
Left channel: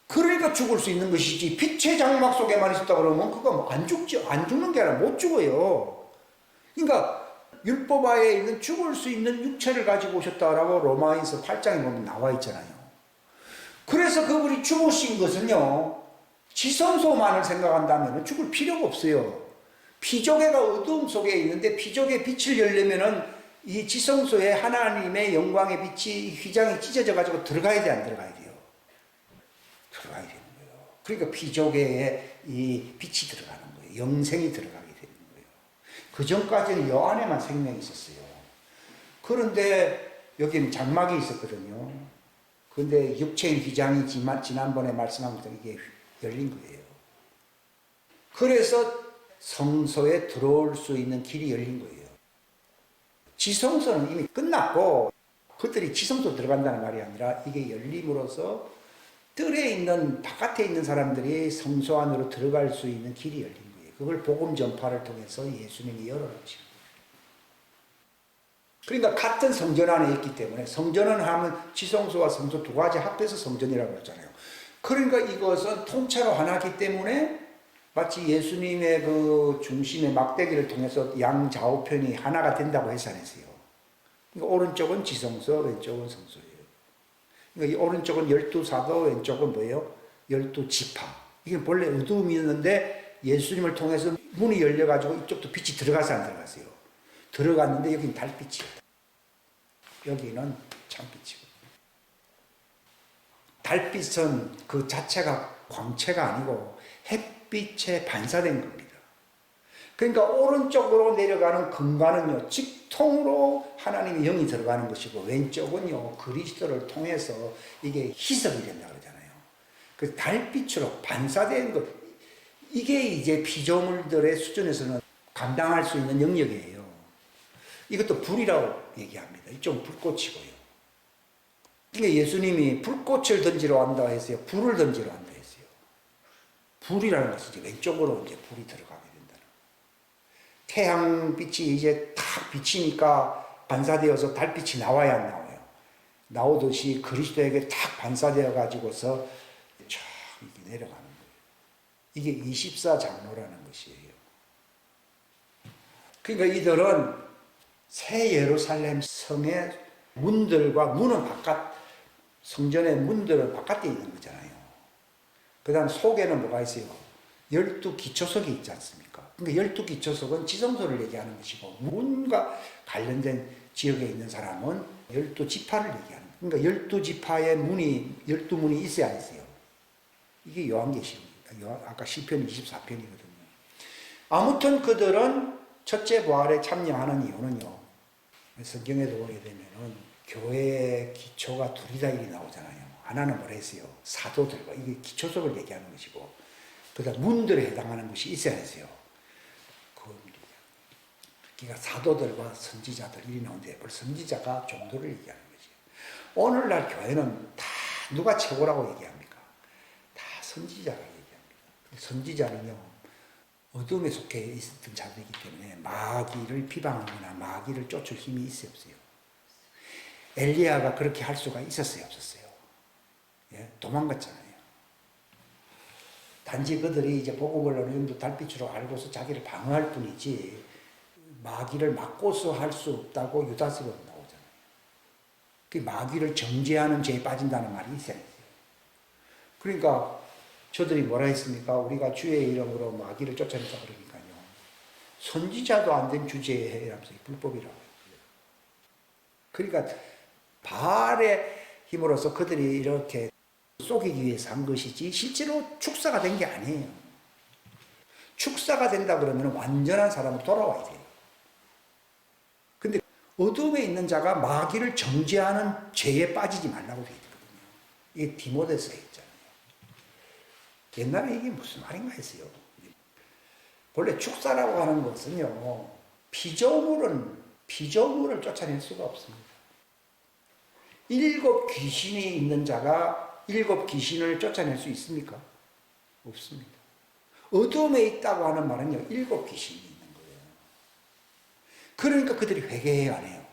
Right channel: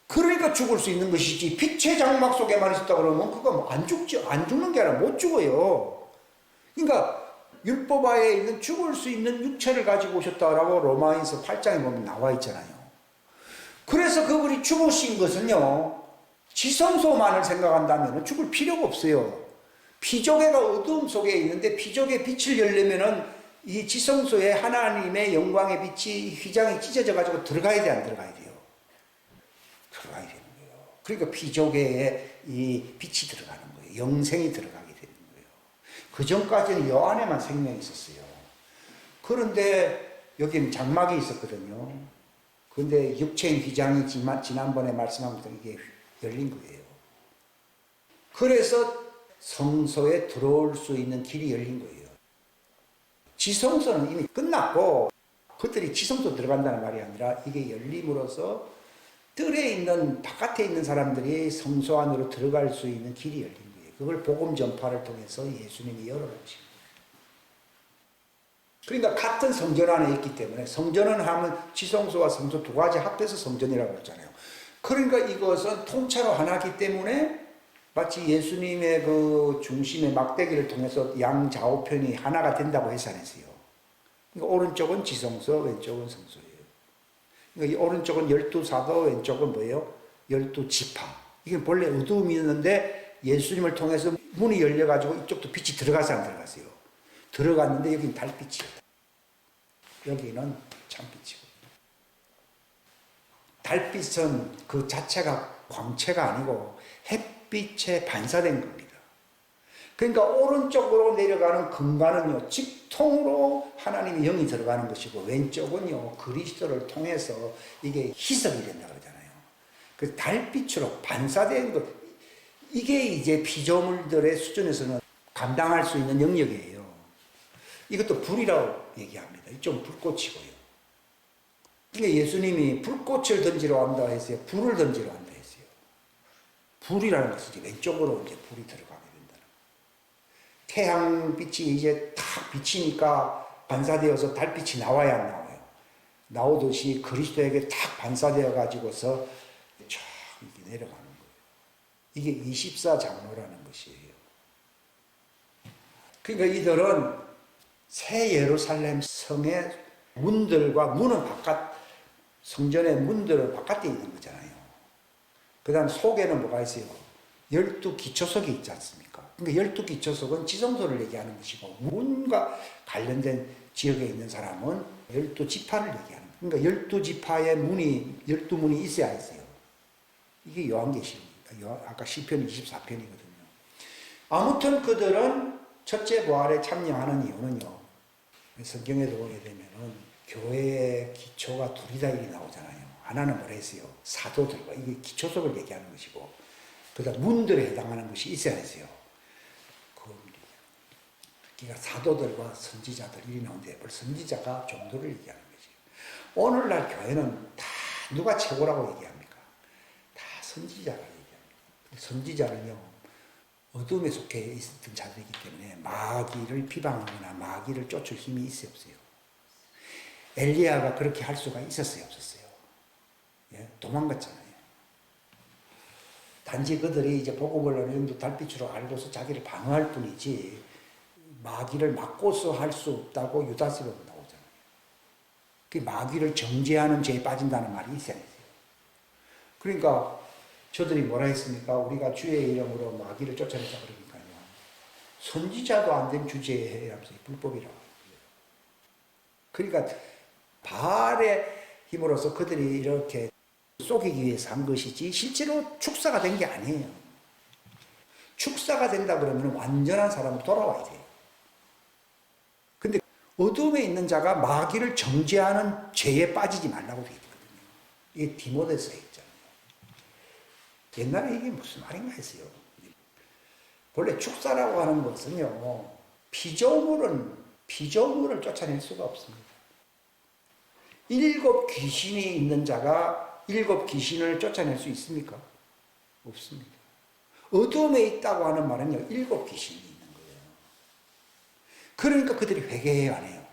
그러니까 죽을 수 있는 것이지, 빛의 장막 속에만 있었다 그러면 그거 안 죽죠. 안 죽는 게 아니라 못 죽어요. 그러니까 율법 하에 있는 죽을 수 있는 육체를 가지고 오셨다라고 로마인서 8장에 보면 나와 있잖아요. 그래서 그분이 죽으신 것은요, 지성소만을 생각한다면 죽을 필요가 없어요. 피조개가 어두움 속에 있는데 피조개 빛을 열려면은 이 지성소에 하나님의 영광의 빛이, 휘장이 찢어져 가지고 들어가야 돼, 안 들어가야 돼요? 들어가야 되는 거예요. 그러니까 피조개에 이 빛이 들어가는 거예요. 영생이 들어가게 되는 거예요. 그 전까지는 여 안에만 생명이 있었어요. 그런데 여기는 장막이 있었거든요. 그런데 육체인 휘장이 지난번에 말씀한 것처럼 이게 열린 거예요. 그래서 성소에 들어올 수 있는 길이 열린 거예요. 지성소는 이미 끝났고, 그들이 지성소 들어간다는 말이 아니라 이게 열림으로써 뜰에 있는, 바깥에 있는 사람들이 성소 안으로 들어갈 수 있는 길이 열린 거예요. 그걸 복음 전파를 통해서 예수님이 열어놓으신 거예요. 그러니까 같은 성전 안에 있기 때문에, 성전은 하면 지성소와 성소 두 가지 합해서 성전이라고 그러잖아요. 그러니까 이것은 통째로 하나이기 때문에 마치 예수님의 그 중심의 막대기를 통해서 양좌우편이 하나가 된다고 해서 안 했어요. 그러니까 오른쪽은 지성소, 왼쪽은 성소예요. 그러니까 이 오른쪽은 12사도, 왼쪽은 뭐예요? 12지파. 이게 본래 어두움이 있는데 예수님을 통해서 문이 열려가지고 이쪽도 빛이 들어가서 안 들어갔어요. 들어갔는데 여기는 달빛이에요. 여기는 참빛이고. 달빛은 그 자체가 광채가 아니고 햇빛에 반사된 겁니다. 그러니까 오른쪽으로 내려가는 근간은요, 직통으로 하나님의 영이 들어가는 것이고, 왼쪽은요, 그리스도를 통해서 이게 희석이 된다 그러잖아요. 그 달빛으로 반사된 것, 이게 이제 피조물들의 수준에서는 감당할 수 있는 영역이에요. 이것도 불이라고 얘기합니다. 이쪽은 불꽃이고요. 그러니까 예수님이 불꽃을 던지러 간다 했어요. 불을 던지러 간다 했어요. 불이라는 것은 이제 왼쪽으로 이제 불이 들어가게 된다는 거예요. 태양빛이 이제 탁 비치니까 반사되어서 달빛이 나와야 안 나와요. 나오듯이 그리스도에게 탁 반사되어 가지고서 쫙 이렇게 내려가는 거예요. 이게 24장로라는 것이에요. 그러니까 이들은 새 예루살렘 성의 문들과 문은 바깥, 성전의 문들은 바깥에 있는 거잖아요. 그 다음 속에는 뭐가 있어요? 12기초석이 있지 않습니까? 그러니까 12기초석은 지성소를 얘기하는 것이고, 문과 관련된 지역에 있는 사람은 12지파를 얘기하는 거예요. 그러니까 12지파의 문이, 12문이 있어야 했어요. 이게 요한계시록입니다. 아까 시편 24편이거든요. 아무튼 그들은 첫째 부활에 참여하는 이유는요, 성경에도 보게 되면은 교회의 기초가 둘이다 일이 나오잖아요. 하나는 뭐라 했어요? 사도들과, 이게 기초석을 얘기하는 것이고, 그다음 문들에 해당하는 것이 있어야 했어요. 그러니까 사도들과 선지자들 일이 나오는데, 선지자가 종도를 얘기하는 거지. 오늘날 교회는 다 누가 최고라고 얘기합니까? 다 선지자가 얘기합니다. 선지자는요, 어둠에 속해 있었던 자들이기 때문에 마귀를 비방하거나 마귀를 쫓을 힘이 있어요, 없어요? 엘리야가 그렇게 할 수가 있었어요, 없었어요? 예? 도망갔잖아요. 단지 그들이 이제 복음을 어느 정도 달빛으로 알고서 자기를 방어할 뿐이지, 마귀를 막고서 할 수 없다고 유다서로 나오잖아요. 그 마귀를 정죄하는 죄에 빠진다는 말이 있어야 돼요. 그러니까 저들이 뭐라 했습니까? 우리가 주의 이름으로 마귀를 쫓아냈다 그러니까요. 선지자도 안 된 주제에 하면서 불법이라고 했고요. 그러니까 바알의 힘으로써 그들이 이렇게 속이기 위해서 한 것이지 실제로 축사가 된 게 아니에요. 축사가 된다 그러면 완전한 사람으로 돌아와야 돼요. 근데 어둠에 있는 자가 마귀를 정죄하는 죄에 빠지지 말라고 되어 있거든요. 이게 디모데서에 있잖아요. 옛날에 이게 무슨 말인가 했어요. 본래 축사라고 하는 것은요, 피조물을 쫓아낼 수가 없습니다. 7 귀신이 있는 자가 7 귀신을 쫓아낼 수 있습니까? 없습니다. 어둠에 있다고 하는 말은요, 7 귀신이 있는 거예요. 그러니까 그들이 회개해야 안 해요.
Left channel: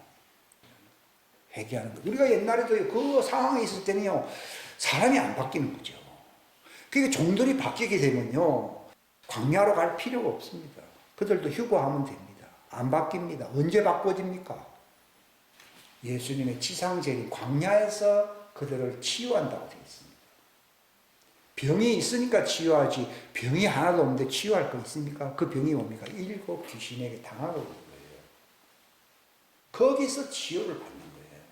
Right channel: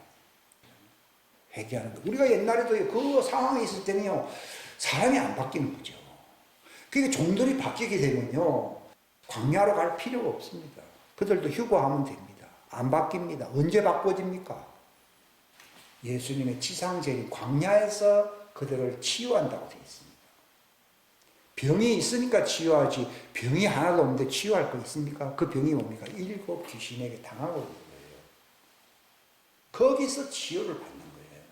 회개하는 거. 우리가 옛날에도 그 상황이 있을 때는요, 사람이 안 바뀌는 거죠. 그러니까 종들이 바뀌게 되면요, 광야로 갈 필요가 없습니다. 그들도 휴거하면 됩니다. 안 바뀝니다. 언제 바꿔집니까? 예수님의 지상제인 광야에서 그들을 치유한다고 되어 있습니다. 병이 있으니까 치유하지, 병이 하나도 없는데 치유할 거 있습니까? 그 병이 뭡니까? 7 귀신에게 당하고 있는 거예요. 거기서 치유를 받는 거예요.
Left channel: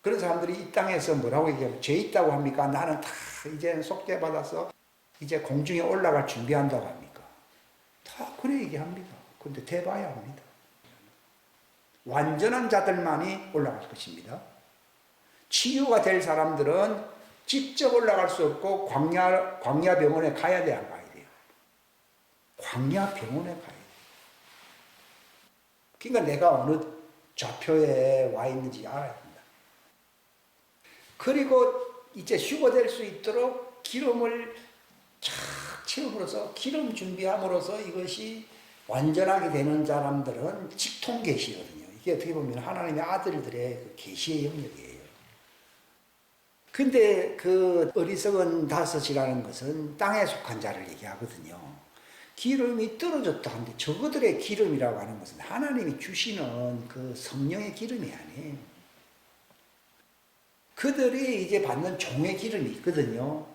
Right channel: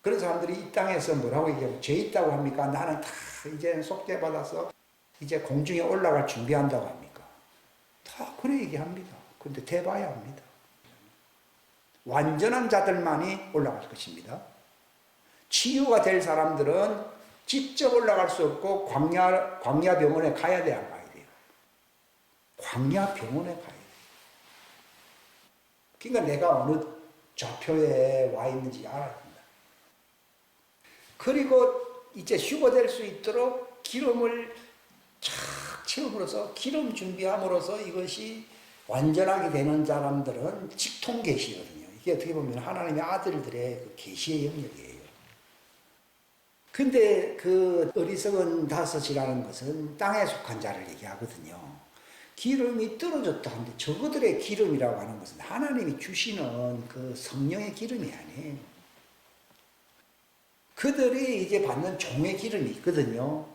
그런 사람들이 이 땅에서 뭐라고 얘기하면 죄 있다고 합니까? 나는 다 이제 속죄받아서 이제 공중에 올라갈 준비한다고 합니까? 다 그래 얘기합니다. 그런데 대봐야 합니다. 완전한 자들만이 올라갈 것입니다. 치유가 될 사람들은 직접 올라갈 수 없고 광야 병원에 가야 돼, 안 가야 돼요? 광야 병원에 가야 돼요. 그러니까 내가 어느 좌표에 와 있는지 알아야 된다. 그리고 이제 휴거될 수 있도록 기름을 착 채움으로써, 기름 준비함으로써 이것이 완전하게 되는 사람들은 직통 계시거든요. 이게 어떻게 보면 하나님의 아들들의 그 계시의 영역이에요. 근데 그 어리석은 다섯이라는 것은 땅에 속한 자를 얘기하거든요. 기름이 떨어졌다 하는데 저그들의 기름이라고 하는 것은 하나님이 주시는 그 성령의 기름이 아니에요. 그들이 이제 받는 종의 기름이 있거든요.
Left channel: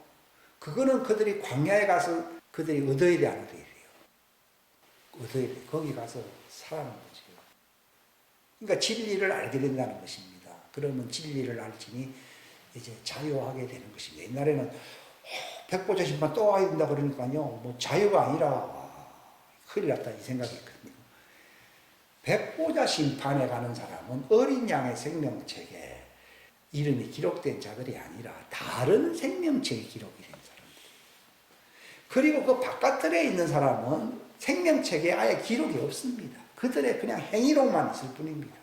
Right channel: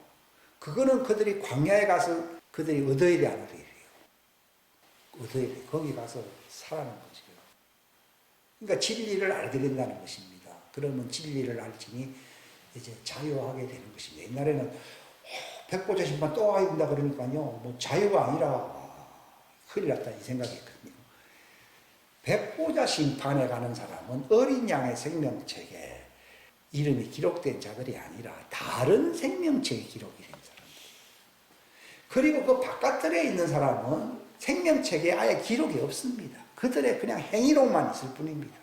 그거는 그들이 광야에 가서 그들이 얻어야 돼, 안 얻어야 돼요? 얻어야 돼. 거기 가서 살아는 거죠. 그러니까 진리를 알게 된다는 것입니다. 그러면 진리를 알지니 이제 자유하게 되는 것입니다. 옛날에는 백보자 심판 또 와야 된다 그러니까요, 뭐 자유가 아니라 큰일 났다 이 생각했거든요. 백보자 심판에 가는 사람은 어린 양의 생명책에 이름이 기록된 자들이 아니라 다른 생명책에 기록이 된 사람들이에요. 그리고 그 바깥들에 있는 사람은 생명책에 아예 기록이 없습니다. 그들의 그냥 행위록만 있을 뿐입니다.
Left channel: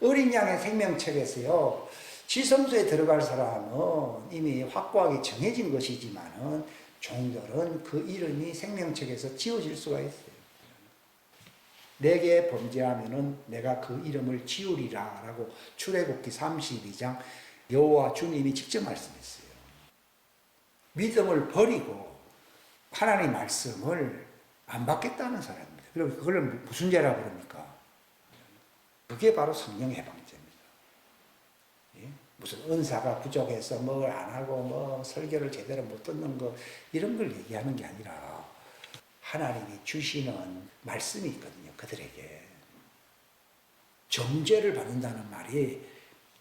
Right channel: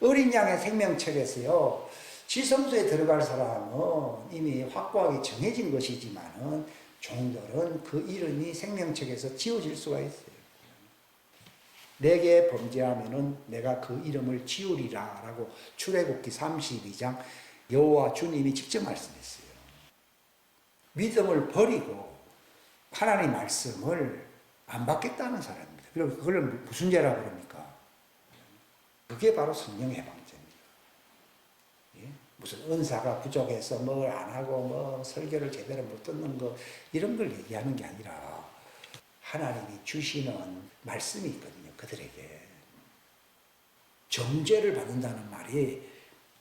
어린 양의 생명책에서요, 지성소에 들어갈 사람은 이미 확고하게 정해진 것이지만은 종들은 그 이름이 생명책에서 지워질 수가 있어요. 내게 범죄하면은 내가 그 이름을 지우리라 라고 출애굽기 32장 여호와 주님이 직접 말씀했어요. 믿음을 버리고 하나님 말씀을 안 받겠다는 사람입니다. 그리고 그걸 무슨 죄라 그럽니까? 그게 바로 성령 해방죄입니다. 예? 무슨 은사가 부족해서 뭘 안 하고 뭐 설교를 제대로 못 듣는 거 이런 걸 얘기하는 게 아니라 하나님이 주시는 말씀이 있거든요. 그들에게 정죄를 받는다는 말이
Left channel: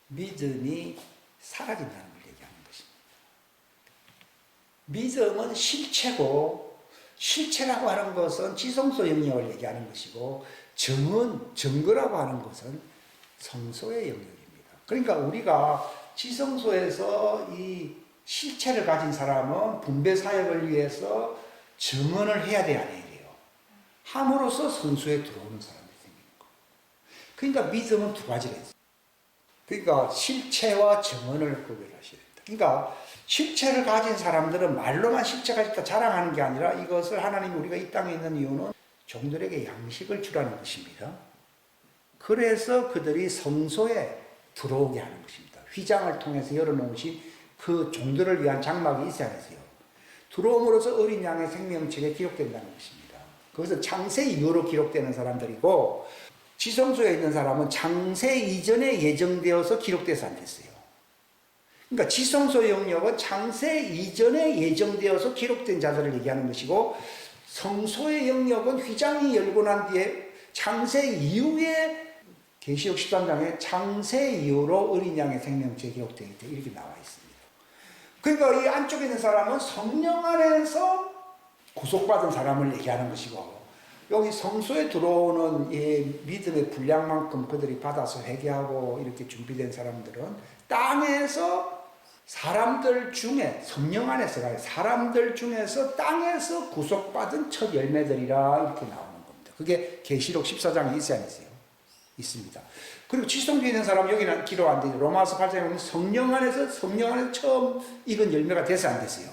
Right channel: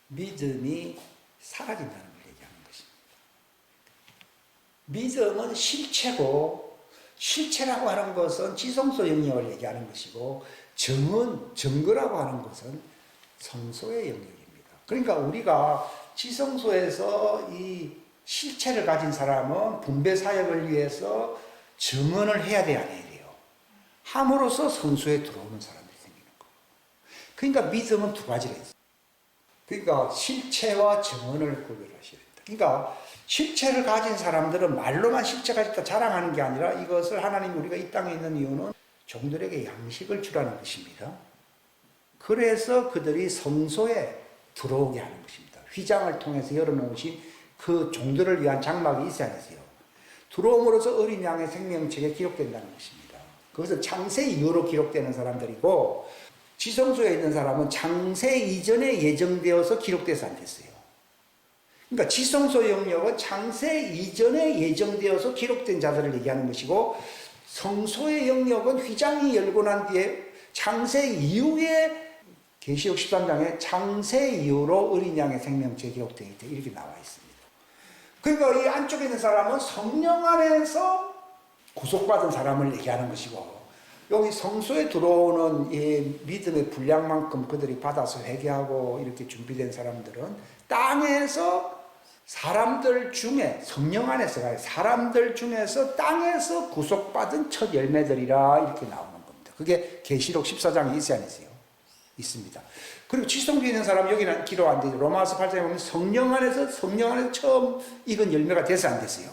믿음이 사라진다는 걸 얘기하는 것입니다. 믿음은 실체고, 실체라고 하는 것은 지성소 영역을 얘기하는 것이고, 정은, 증거라고 하는 것은 성소의 영역입니다. 그러니까 우리가 지성소에서 이 실체를 가진 사람은 분배 사역을 위해서 증언을 해야 돼, 안 해야 돼요? 함으로써 성소에 들어오는 사람들이 생기는 거예요. 그러니까 믿음은 두 가지를 했어요. 그러니까 실체와 증언을 구별하셔야 된다. 그러니까 실체를 가진 사람들은 말로만 실체가 있다 자랑하는 게 아니라 이것을 하나님 우리가 이 땅에 있는 이유는 종들에게 양식을 주라는 것입니다. 그래서 그들이 성소에 들어오게 하는 것입니다. 휘장을 통해서 열어놓으신 그 종들을 위한 장막이 있어야 되세요. 들어옴으로써 어린 양의 생명책에 기록된다는 것입니다. 그것은 창세 이후로 기록되는 사람들이고 지성소에 있는 사람은 창세 이전에 예정되어서 기록돼서 안 됐어요. 그러니까 지성소 영역은 창세 이전에 예정되어서 기록된 자들을 얘기하는 것이고 성소의 영역은 휘장이 열고 난 뒤에 창세 이후에 계시록 13장에 창세 이후로 어린 양의 생명체에 기록되어 있다 이렇게 나와 있습니다. 그러니까 이 안쪽에 있는 사람은 성령 안에서 구속받은 사람을 얘기하는 것이고 여기 성소에 들어오는 이 믿음의 분량만큼 그들이 받아서 회개하고 이렇게 준비된 사람들은 땅에서 사람들 중에 성령 안에서 가요. 사람들 중에서 땅에서 구속받은 첫 열매들이라 이렇게 나오는 겁니다. 그게 계시록 14장에 있어야 하세요. 있습니다. 그리고 지성주에 있는 사람 여기는 기록 안 되죠. 로마서 8장에 보면 성령 안에서 처음 익은 열매가 돼서 안 됐어요.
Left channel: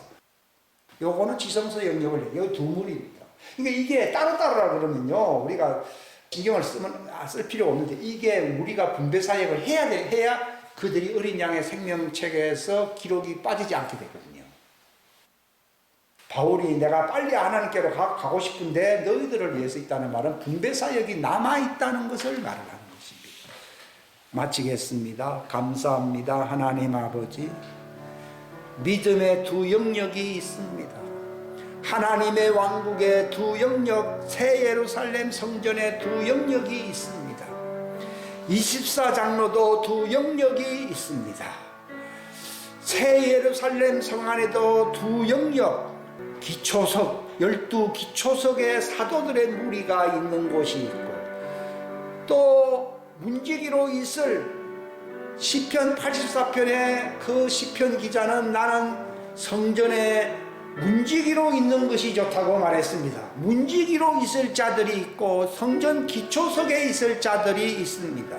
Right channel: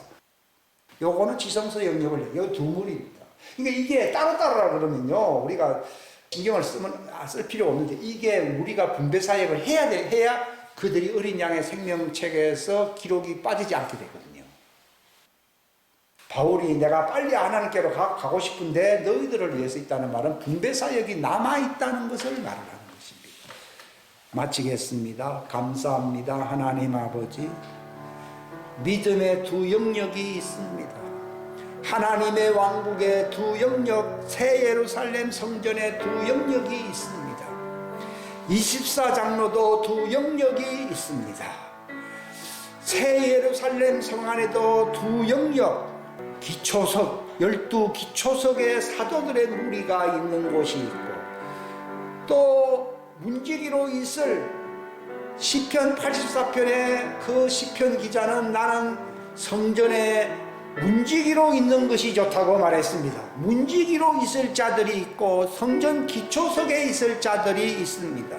요거는 지성소 영역을 여기 두 물입니다. 그러니까 이게 따로따로라 그러면요 우리가 신경을 쓸 필요가 없는데 이게 우리가 분배 사역을 해야 그들이 어린 양의 생명책에서 기록이 빠지지 않게 되거든요. 바울이 내가 빨리 하나님께로 가고 싶은데 너희들을 위해서 있다는 말은 분배 사역이 남아있다는 것을 말을 하는 것입니다. 마치겠습니다. 감사합니다. 하나님 아버지, 믿음의 두 영역이 있습니다. 하나님의 왕국의 두 영역, 새 예루살렘 성전의 두 영역이 있습니다. 24장로도 두 영역이 있습니다. 새 예루살렘 성 안에도 두 영역, 기초석, 12기초석의 사도들의 무리가 있는 곳이 있고 또 문지기로 있을 시편 84편의 그 시편 기자는 나는 성전에 문지기로 있는 것이 좋다고 말했습니다. 문지기로 있을 자들이 있고 성전 기초석에 있을 자들이 있습니다.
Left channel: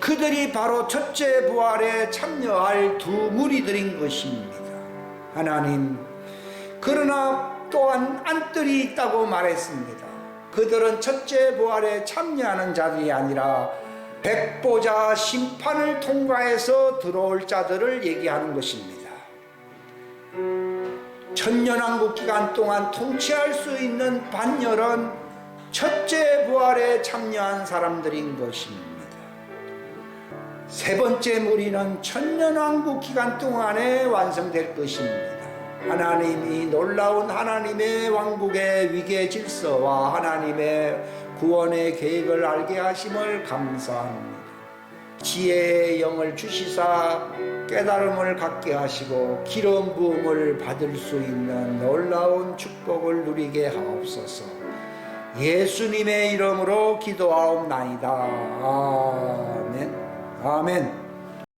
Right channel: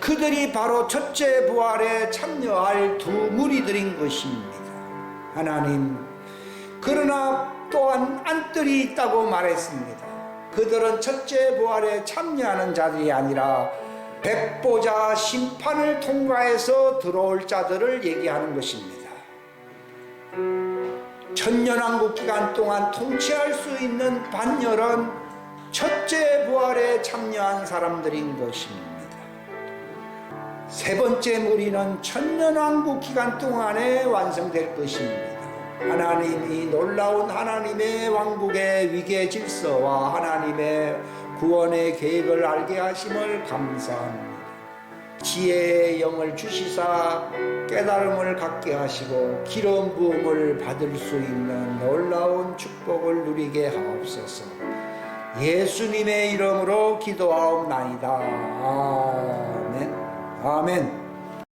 그들이 바로 첫째 부활에 참여할 두 무리들인 것입니다. 하나님, 그러나 또한 안뜰이 있다고 말했습니다. 그들은 첫째 부활에 참여하는 자들이 아니라 백보자 심판을 통과해서 들어올 자들을 얘기하는 것입니다. 천년왕국 기간 동안 통치할 수 있는 반열은 첫째 부활에 참여한 사람들인 것입니다. 세 번째 무리는 천년왕국 기간 동안에 완성될 것입니다. 하나님이 놀라운 하나님의 왕국의 위계 질서와 하나님의 구원의 계획을 알게 하심을 감사합니다. 지혜의 영을 주시사 깨달음을 갖게 하시고 기름 부음을 받을 수 있는 놀라운 축복을 누리게 하옵소서. 예수님의 이름으로 기도하옵나이다. 아멘. 아멘.